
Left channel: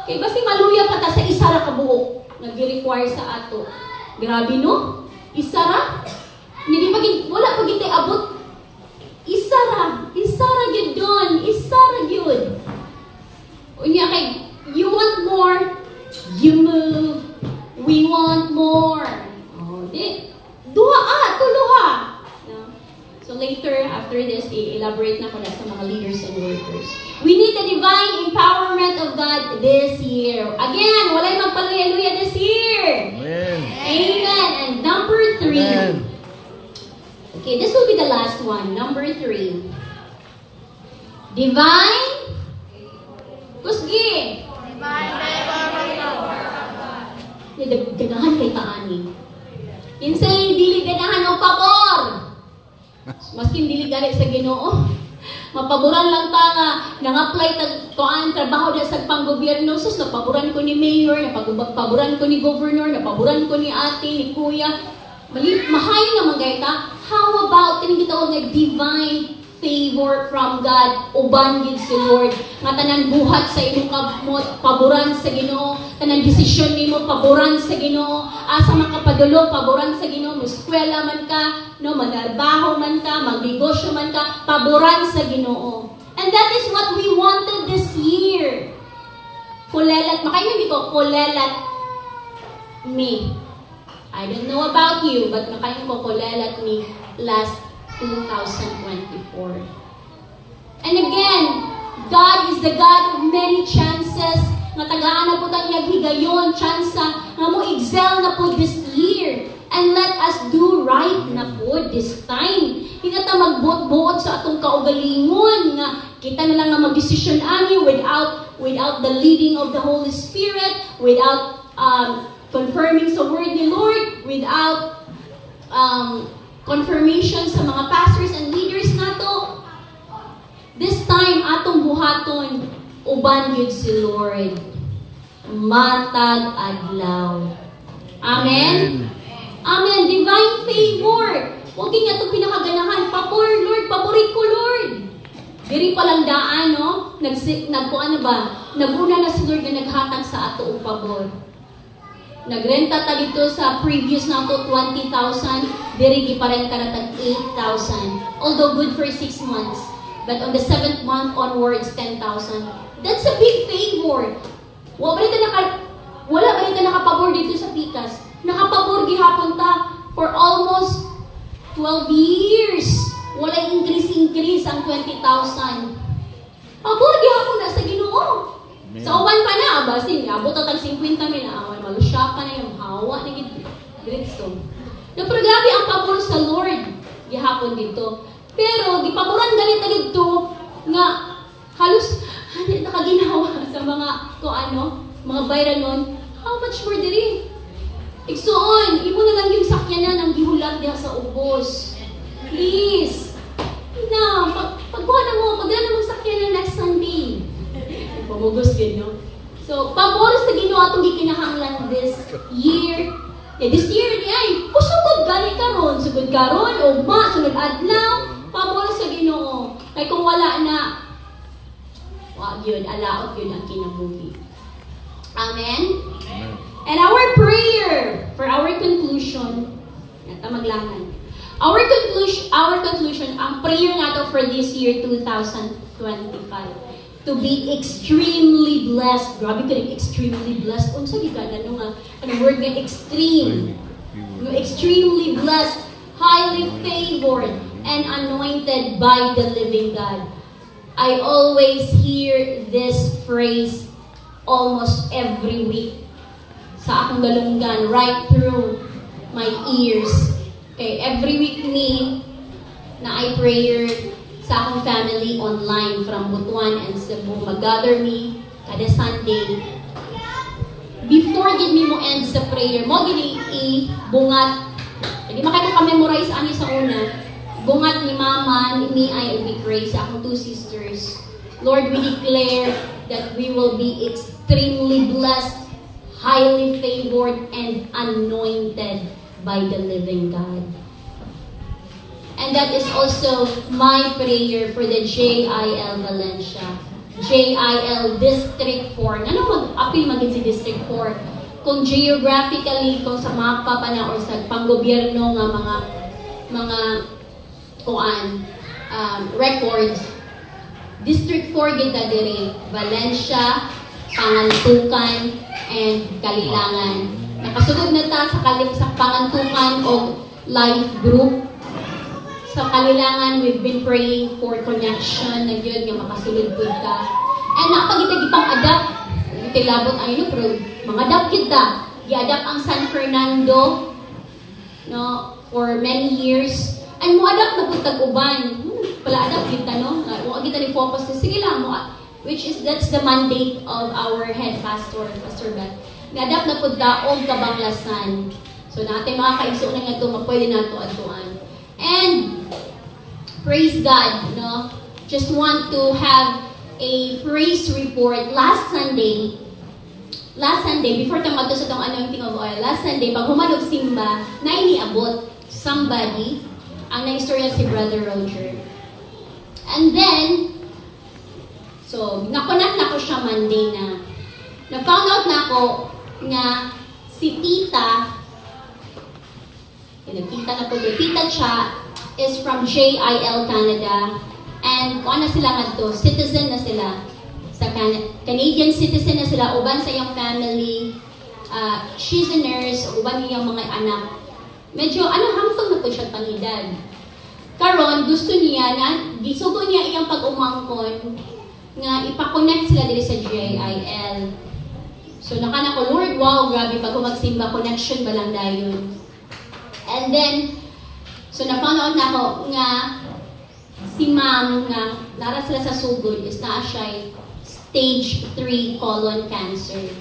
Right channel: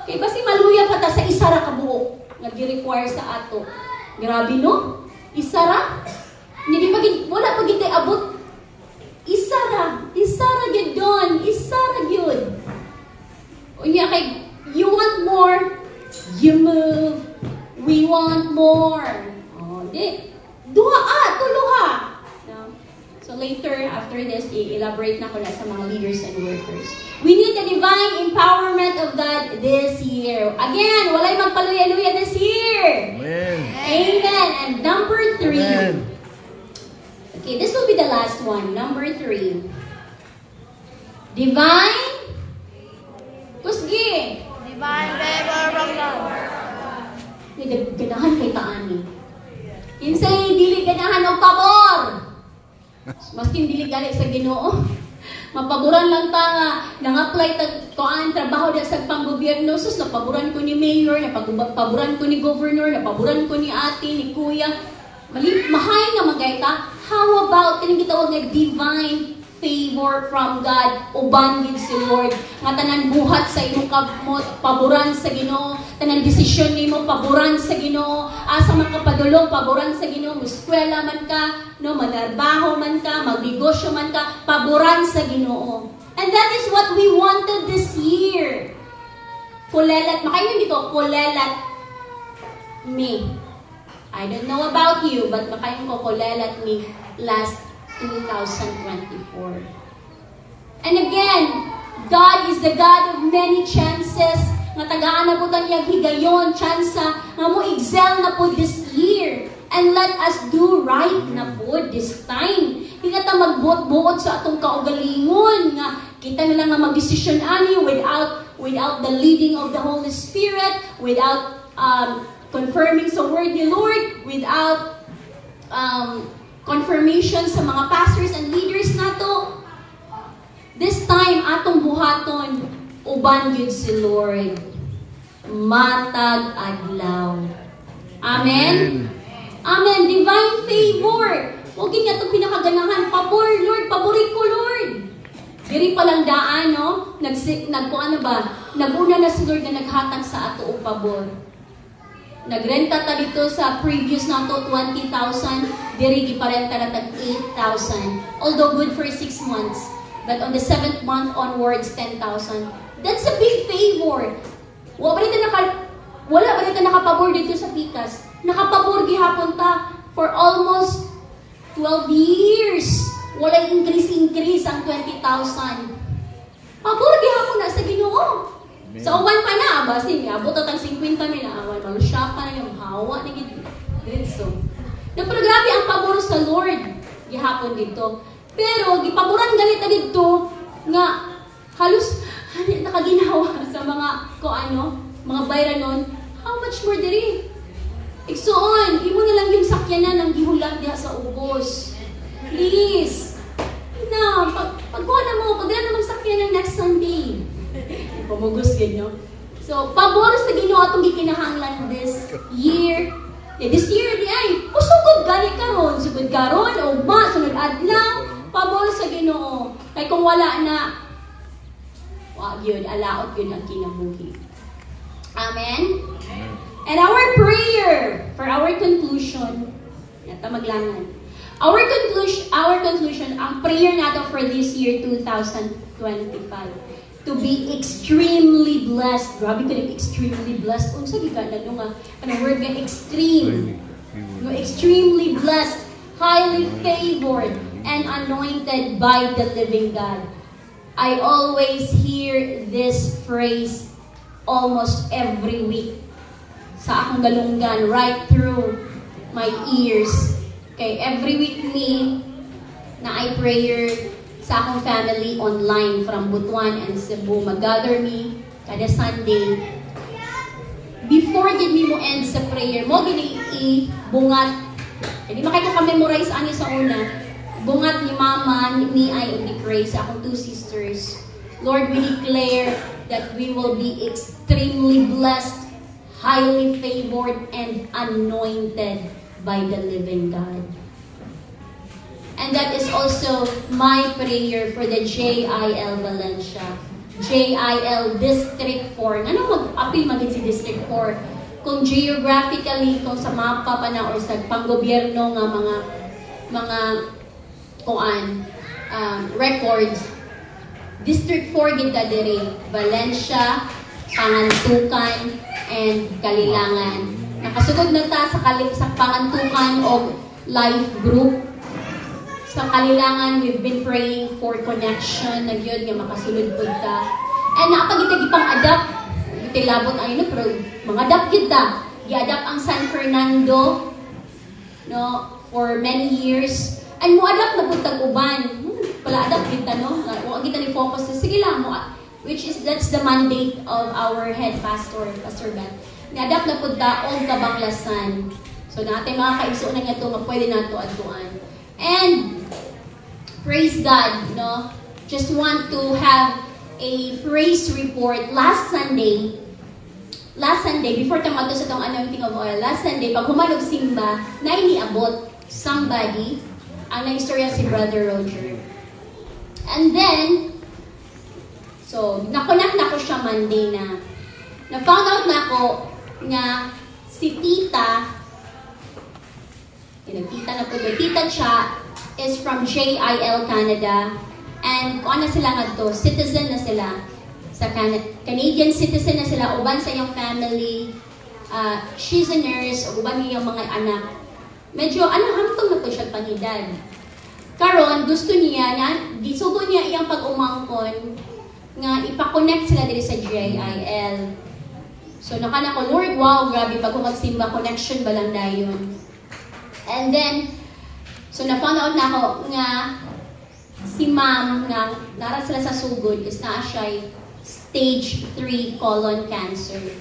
Kaya basi maluya pa ta sa isa ra ka buok nag-require sa ato. Grabe no? Isa ra? Hindi wala pa gid abot. Isa ra gid don. Isa ra gyud. Unya kay you want more, you move. We want more. Oh, di. Tuluha. No? So later, after this, i-elaborate na ko na sa mga leaders and workers. We need the divine empowerment of God this year. Again, walay magpaluya-luya this year. Amen. Amen. And number 3. Amen. Okay, this will be the last one. Number 3. Divine. Kusgi. Divine favor. Ganahan kay taani. Kinsay dili ganahan og pabor. Maskin dili gali sa Ginoo. Mapaboran lang ta nga nang-apply tag tuan trabaho na sa panggobyerno. Sus napaboran ko ni mayor, napaboran ko ni governor, napaboran ko ni ate, ni kuya. Mahay naman kay ta. How about kining gitawag nga divine favor from God, uban gid si Lord. Nga tanan buhat sa imong paboran sa Ginoo, tanan desisyon nimo paboran sa Ginoo, asa man ka padulo paboran sa Ginoo, muskwela man ka, no, manarbaho man ka, magnegosyo man ka, paboran sa Ginoo. And that is what we wanted this year. Kulelat, makaingon dito, kulelat me. I don't know about you, but makaingon ko kulelat me last 2024. And again, God is the God of many chances. Matagaan na po taniyag higayon, chansa, na mo excel na po this year. And let us do right na po this time. Hindi ta magbuot-buot sa atong kaugalingon nga kita na lang nga mag-decision ani without the leading of the Holy Spirit, without confirming sa word ni Lord without confirmation sa mga pastors and leaders nato. This time atong buhaton uban gyud si Lord matag adlaw. Amen. Amen. Divine favor. Huwag nga itong pinakaganahan. Pabor, Lord. Paborit ko, Lord. Diri palang daan, no? Ano ba? Naguna na si Lord na naghatag sa ato o pabor. Nagrenta ta dito sa previous na to 20,000. Diri giparenta na tag 8,000. Although good for 6 months. But on the 7th month onwards, 10,000. That's a big favor. Wala ba rin nakapabor dito sa Pikas? Nakapabor gihapon ta for almost 12 years. Wala increase ang 20,000. Pabor gihapon na sa Ginoo. Sa uban pa na, basta abot ang 50 mil. Malusya pa na yung hawa ni Gritso. Pero grabe ang pabor sa Lord gihapon dito. Pero gipaboran galit na dito nga halos nakaginawa sa mga mga bayranon. How much more diri? Igsoon, imo na lang yung sakyanan ang gihulat diha sa ubos. Please. Na, pagkuha na mo, pagdala mong sakyanan next Sunday. Pamugos ganyo. So, pabor sa Ginoo atong gikinahanglan this year. This year di ay, usugod gani karon, sugod karon, ugma, sunod adlaw, pabor sa Ginoo. Kay kung wala na, wag yun, alaot yun ang kinabuhi. Amen? And our prayer for our conclusion, maglangan. Our conclusion, ang prayer nato for this year 2025, to be extremely blessed. Grabe ka extremely blessed. Unsa di ka nga, word nga extreme. You're extremely blessed, highly favored, and anointed by the living God. I always hear this phrase almost every week sa akong galunggan, right through my ears. Okay, every week me na I prayer sa akong family online from Butuan and Cebu, mag-gather me kada Sunday. Before gid me mo end sa prayer, mo gini i-bungat. Hindi makita ka memorize ani sa una. Bungat ni Mama, ni I, and ni Grace, sa akong 2 sisters. Lord, we declare that we will be extremely blessed, highly favored, and anointed by the living God. And that is also my prayer for the JIL Valencia. JIL District 4. Ano mag-apil maging si District 4? Kung geographically, kung sa mapa pa na or sa panggobyerno nga mga records, District 4 kita diri, Valencia, Pangantukan, and Kalilangan. Nakasunod na ta sa Pangantukan o life group. Sa Kalilangan, we've been praying for connection na yun, nga makasulod po ka. And nakapagitag ipang adapt, itilabot ay no, pero mga adapt kita. I-adapt ang San Fernando, no, for many years. And mo adapt na po tag-uban. Pala adapt kita, no? Kung kita ni focus na, sige lang mo. Which is, that's the mandate of our head pastor, Pastor Beth. Ni-adapt na po daog kabanglasan. So natin mga kaigso na nga ito, mapwede na ito atuan. And praise God, no? Just want to have a praise report. Last Sunday, before tayo magto sa itong anointing of oil, last Sunday, pag humanog simba, na iniabot somebody, ang na-istorya si Brother Roger. And then, so, nakonect na ko siya Monday na. Na-found out na ako nga si Tita, Tita Cha is from JIL Canada, and kung ano sila nga to, citizen na sila sa Canadian citizen na sila, uban sa iyong family, she's a nurse, uban iyong mga anak. Medyo, hamtong na to siya pangidad. Karon, gusto niya na, gisugo niya iyang pag-umangkon nga ipakonect sila dito sa JIL. So, nakana ko, Lord, wow, grabe, pag magsimba, connection ba lang dayon? And then, so na-found out na ako nga si ma'am na nara sila sa sugod is na siya stage 3 colon cancer.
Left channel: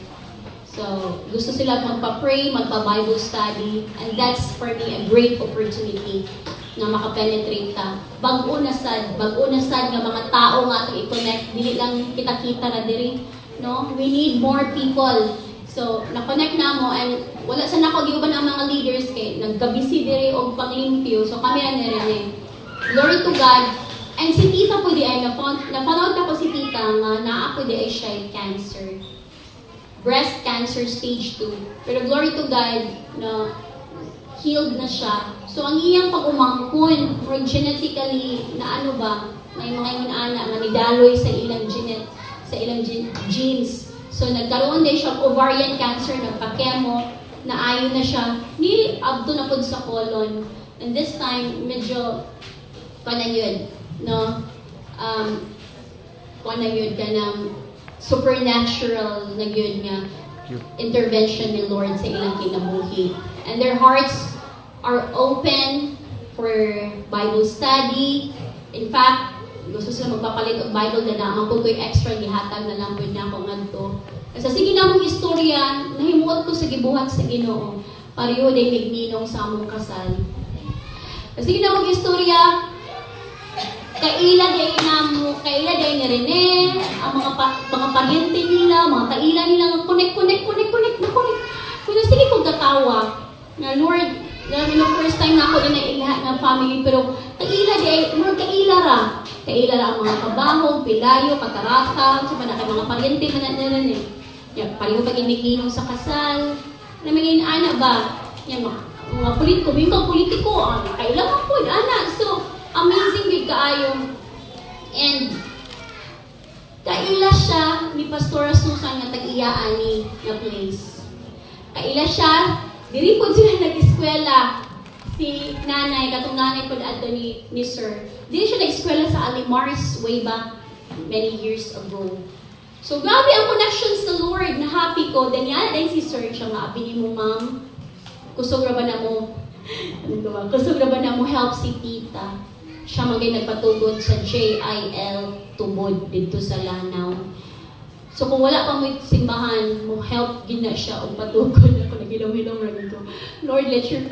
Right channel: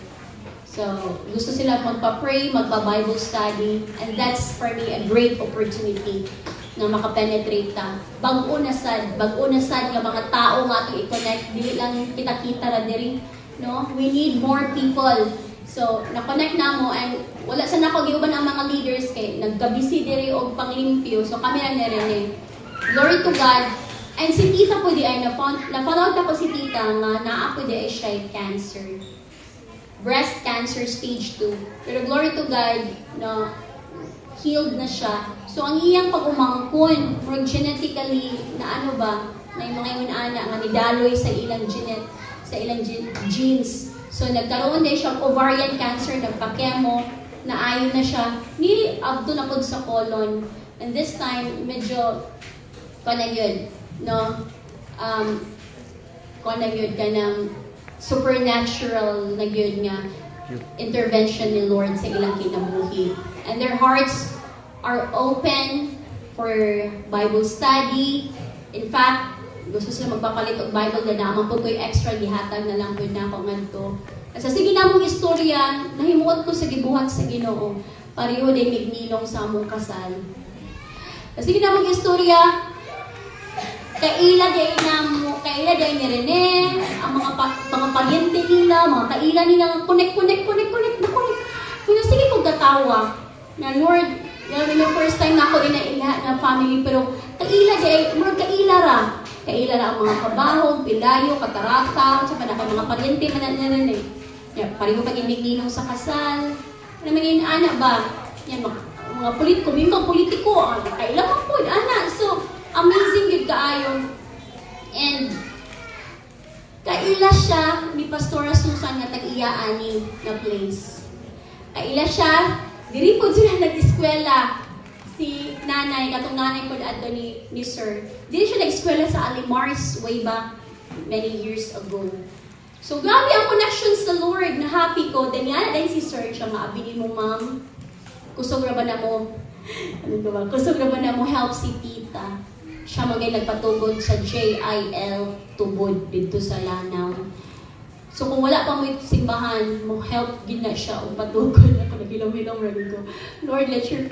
So, gusto sila magpa-pray, magpa-Bible study, and that's for me a great opportunity na makapenetrate ta. Bag-o na sad nga mga tao nga to i-connect, dili lang kita-kita ra diri, no? We need more people. So, na-connect na mo, and wala sa nako giuban ang mga leaders kay nagkabisi diri og paglimpyo. So, kami ra nire. Glory to God. And si tita po di ay na-found ako si tita nga naa po di ay siya cancer. Breast cancer stage 2. Pero glory to God, no, healed na siya. So, ang iyang pag-umangkon, or genetically, na ano ba, may mga inana nga nidaloy sa ilang genes. So, nagkaroon din siya ovarian cancer, nagpa-chemo, naayon na siya, ni abdo na po sa colon. And this time, medyo, paano yun, no? Paano yun ka ng supernatural na yun nga intervention ni Lord sa ilang kinabuhi. And their hearts are open for Bible study. In fact, gusto sila magpapalit og Bible na naman po ko'y extra gihatag na lang po na ako ngadto. Kasi sige na mong istorya, nahimuot ko sa gibuhat sa Ginoo. Pareho din nigninong sa among kasal. Kasi sige na mong istorya, kaila day ni Rene, ang mga paryente nila, mga kaila nila, connect. Kaya sige kong tatawa, na Lord, na first time na ako lahat ng family, pero kaila day, Lord, kaila ra ang mga kabahog, pilayo, katarata, sa mga paryente mananan eh. Pareho pag inigninong sa kasal, na may anak ba? Mga politiko, kailangan po, anak. So, amazing yun kaayo. And kaila siya ni Pastora Susan nga tag-iyaan ni na place. Kaila siya, diri po sila nag-eskwela. Si nanay, katong nanay po ato ni Sir. Diri siya nag-eskwela sa Alimars way back many years ago. So grabe ang connection sa Lord, na happy ko. Then yan, ay si Sir siya nga, abili mo ma'am, kusog ra ba na mo help si tita. Siya magay nagpatugod sa JIL tubod dito sa Lanao. So kung wala pang may simbahan, mo help gina siya o patugod ako nagilaw-ilaw ra dito. Lord, let your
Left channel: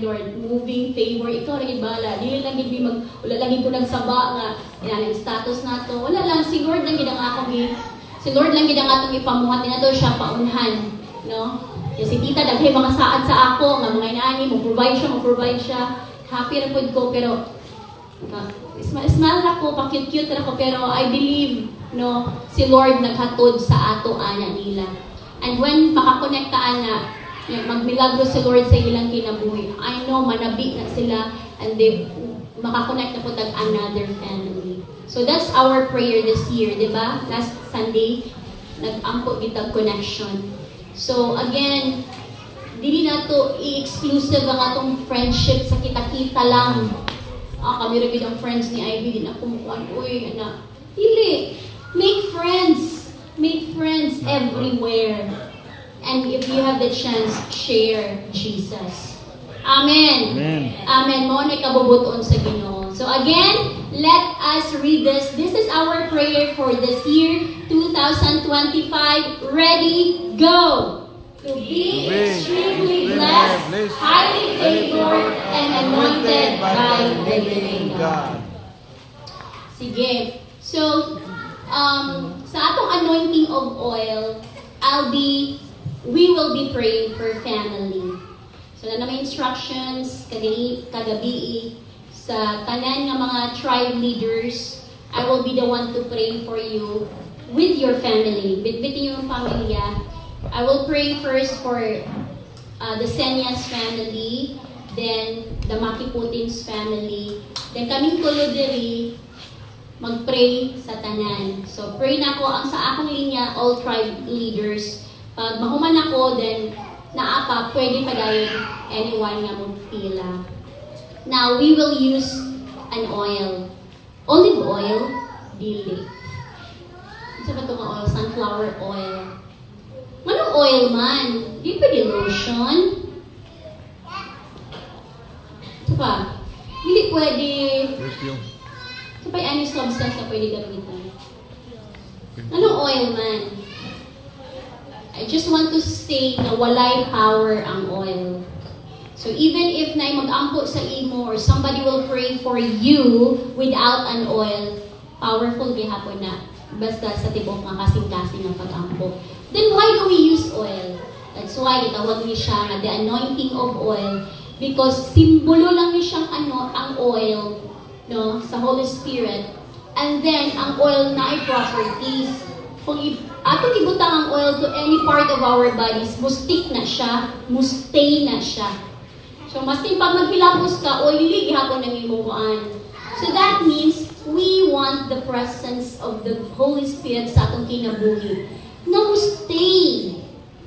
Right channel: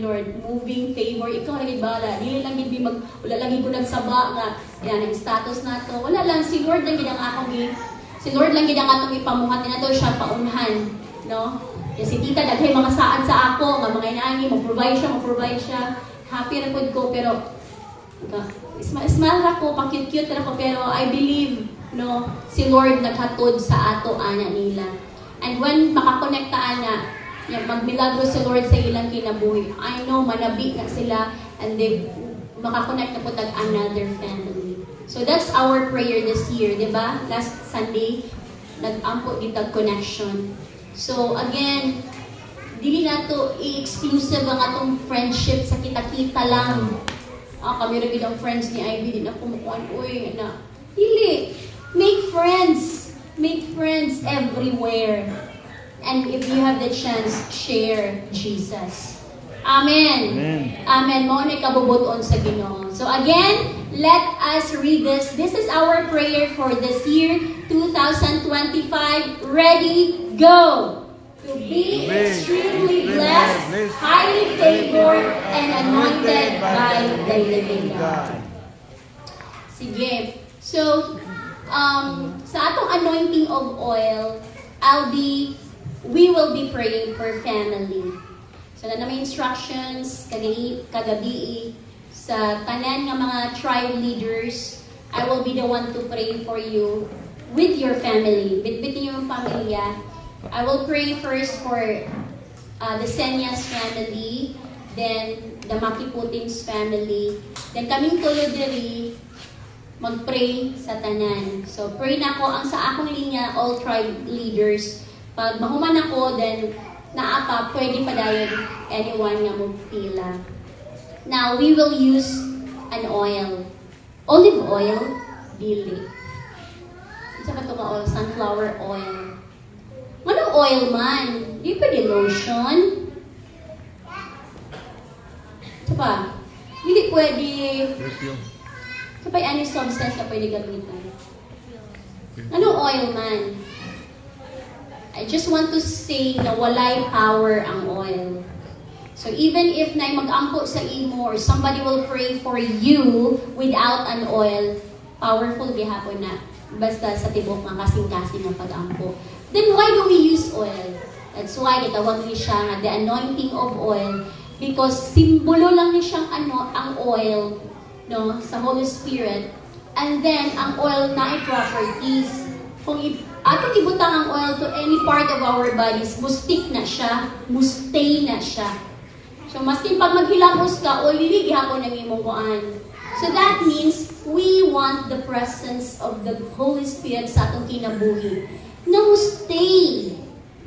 Lord, moving favor, ikaw rin bala. Dili lang gid wala lang ko nagsaba nga yan ang status nato. Wala lang si Lord lang gid ang atong ipamuhat nato siya paunahan, no? Si tita daghay mga saad sa ako nga mga inani mo provide siya. Happy ra pud ko pero smile ra ko, pa-cute ra ko, pero I believe, no, si Lord naghatod sa ato ana nila. And when makakonekta ana, magmilagro si Lord sa ilang kinabuhi, I know manabi na sila and they makakonekta po tag another family. So that's our prayer this year, di ba? Last Sunday, nag-ampo kita connection. So again, dili nato i-exclusive ang atong friendship sa kita-kita lang. Kami rin ang friends ni Ivy, din ako mukuhan, uy, anak. Dili. Make friends everywhere. And if you have the chance, share Jesus. Amen. Amen. Mo na ikabubuton sa Ginoo. So again, let us read this. This is our prayer for this year, 2025. Ready, go! To be extremely blessed, highly favored, and anointed by the living God. Sige. So, sa atong anointing of oil, we will be praying for family. So, na may instructions kagabi sa kanan nga mga tribe leaders. I will be the one to pray for you with your family, with your pamilya. I will pray first for the Senyas family, then the Makiputins family, then kaming tulo diri mag-pray sa tanan. So pray na ko ang sa akong linya, all tribe leaders. Pag mahuman ako, then naapa, pwede pa dayon anyone nga magpila. Now we will use an oil. Olive oil, dili. Isa ba ito ka oil? Sunflower oil. Anong oil man? Di pa di lotion? Ito pa. Hindi pwede. Ito pa yung substance na pwede gamitan. Anong oil man? I just want to say na walay power ang oil. So even if na mag-ampo sa imo or somebody will pray for you without an oil, powerful gihapon na basta sa tibok nga kasing-kasing nga pag-ampo. Then why do we use oil? That's why itawag ni siya the anointing of oil, because simbolo lang ni siyang ang oil, no, sa Holy Spirit. And then ang oil na ay properties. Kung atong ibutang ang oil to any part of our bodies, mustik na siya, mustay na siya. So maski pag maghilamos ka, oily gihapon ang imong kuan. So that means we want the presence of the Holy Spirit sa atong kinabuhi. Na mustay,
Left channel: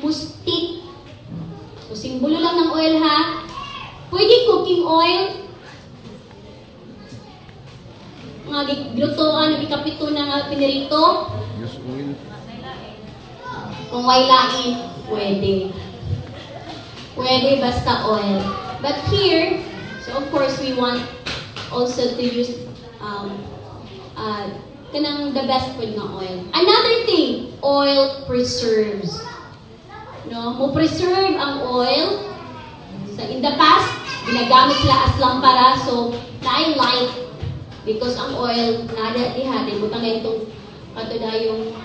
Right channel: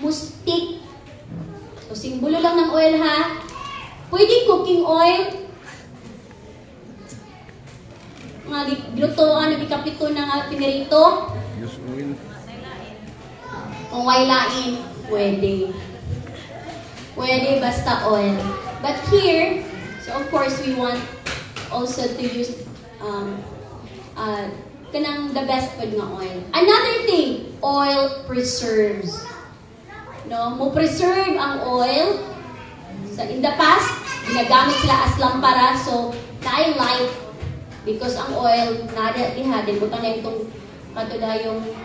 mustik. So simbolo lang ng oil ha. Pwede cooking oil. Nga glutoan, bikapito na nga pinirito. Use oil. Kung may lain, pwede. Pwede basta oil. But here, so of course we want also to use kanang the best food nga oil. Another thing, oil preserves. No, mo preserve ang oil. So in the past, ginagamit sila as lampara, so na light because ang oil nada diha din bukan na itong katudayong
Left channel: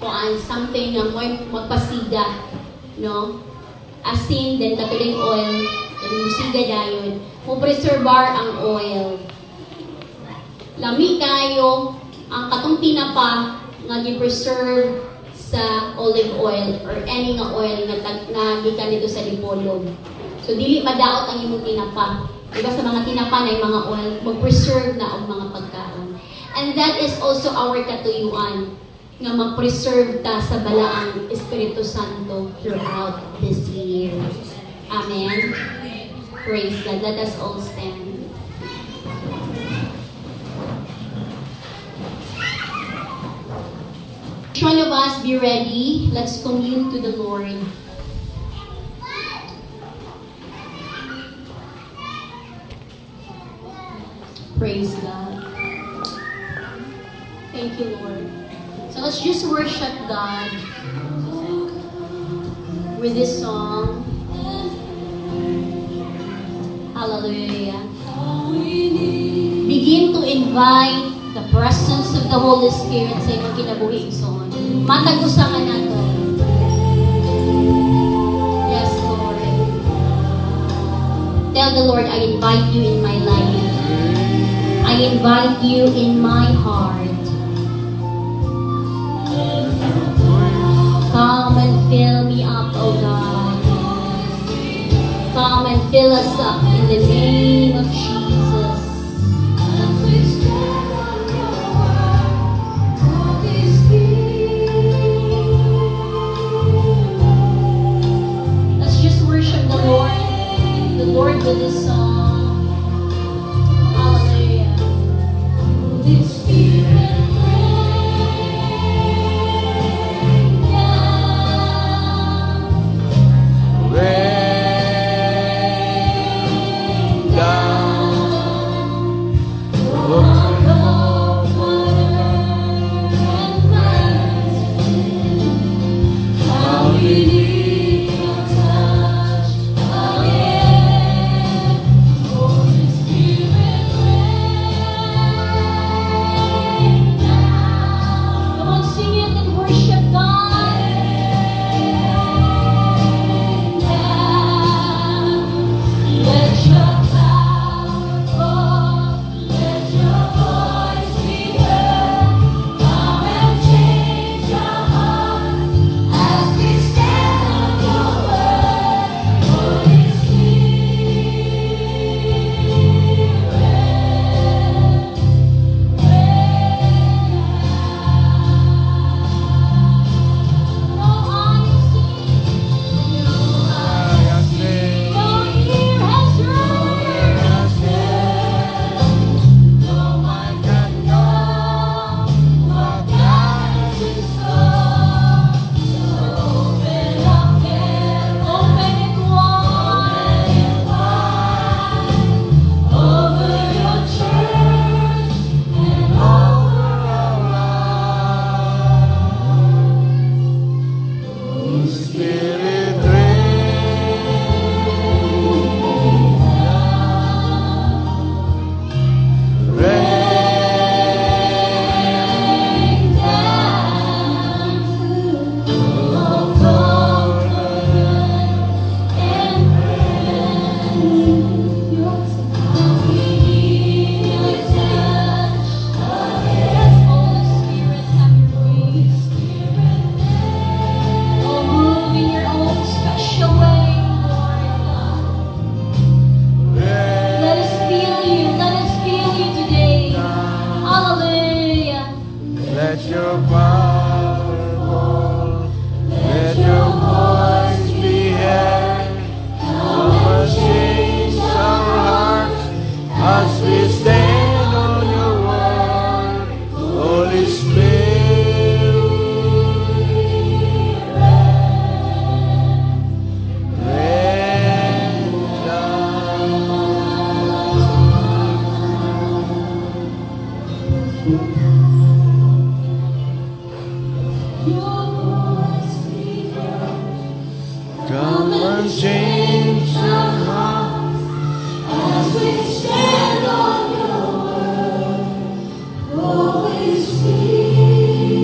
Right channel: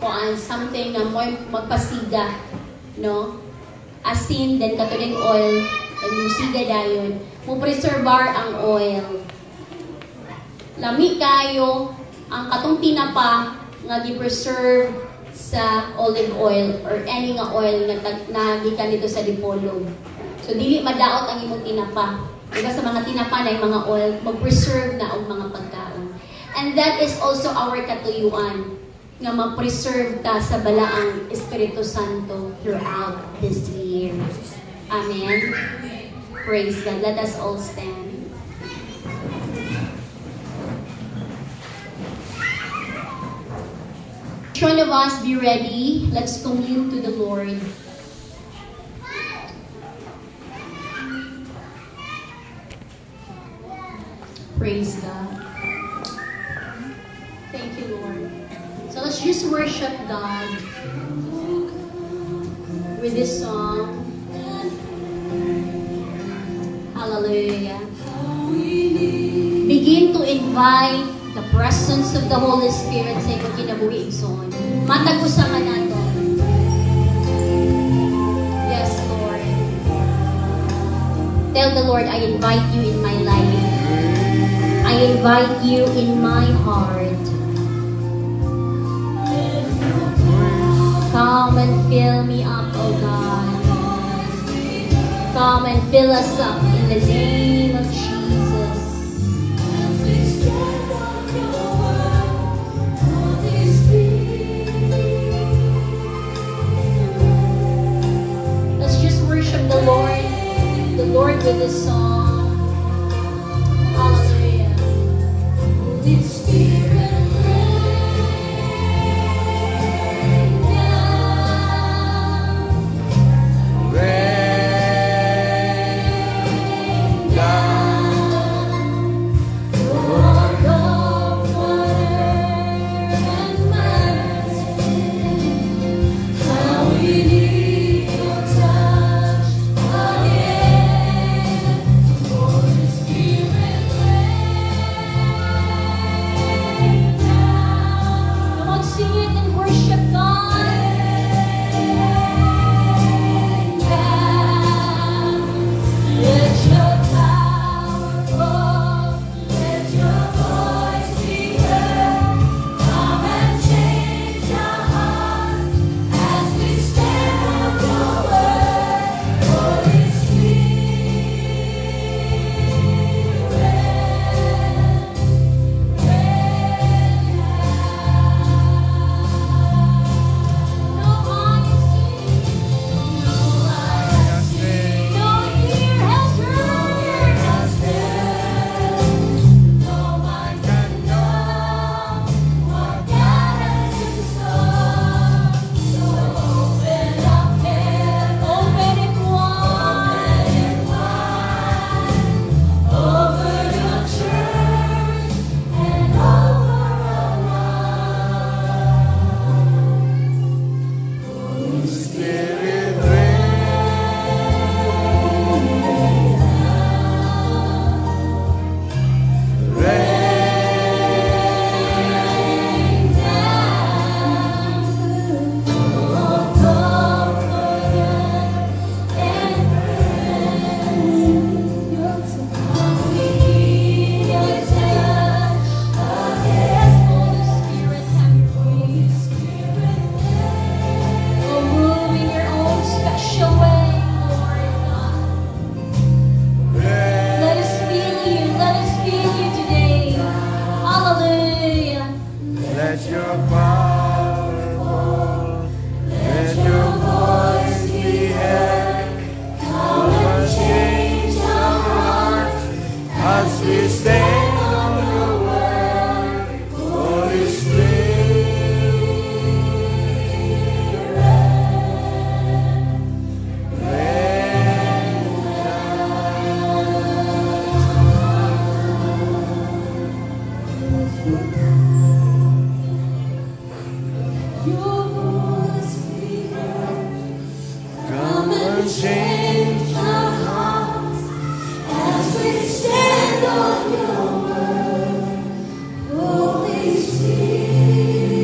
kuan something na more magpasiga, no? Asin, then katuling oil, and musiga dayon. Mo preservar ang oil. Lami kayo ang katong tinapa nga gi-preserve sa olive oil or any nga oil na gikan dito sa dipolog. So dili madaot ang imong tinapa. Diba sa mga tinapa na yung mga oil, mag-preserve na ang mga pagkaon. And that is also our katuyuan, nga mag-preserve ta sa balaang Espiritu Santo throughout this year. Amen. Praise God. Let us all stand. Each one of us be ready. Let's commune to the Lord. Praise God. Thank you, Lord. So let's just worship God with this song. Hallelujah. Begin to invite the presence of the Holy Spirit sa inyong kinabuhi son. Matag-usa ka na to. Yes, Lord. Tell the Lord, I invite you in my life. I invite you in my heart. Come and fill me up, oh God. Come and fill us up in the name of Jesus. Let's just worship the Lord with this song. Hallelujah. Holy Spirit. God. unchained our hearts as we stand on your word, Holy Spirit.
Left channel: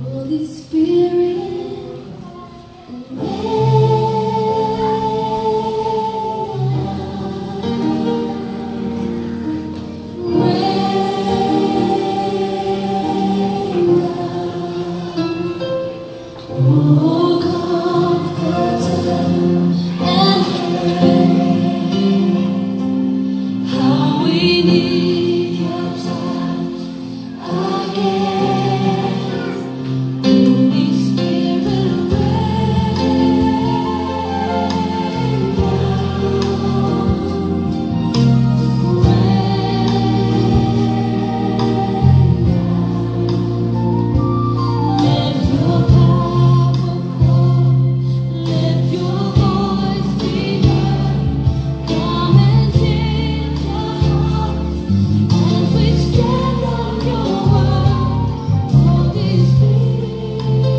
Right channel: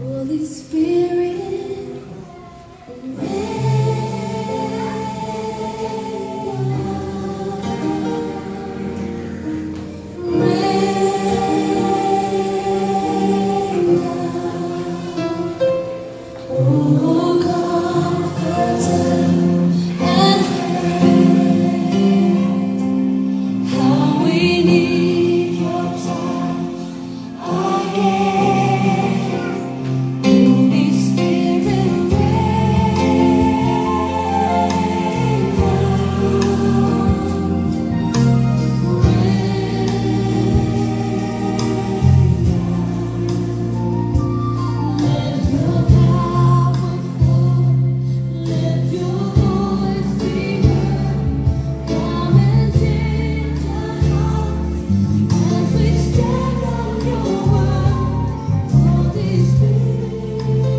Holy Spirit, how we need your touch again. Holy Spirit, let your power fall, let your voice be heard. Come and change our hearts as we stand on your word, Holy Spirit.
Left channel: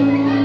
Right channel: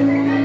Thank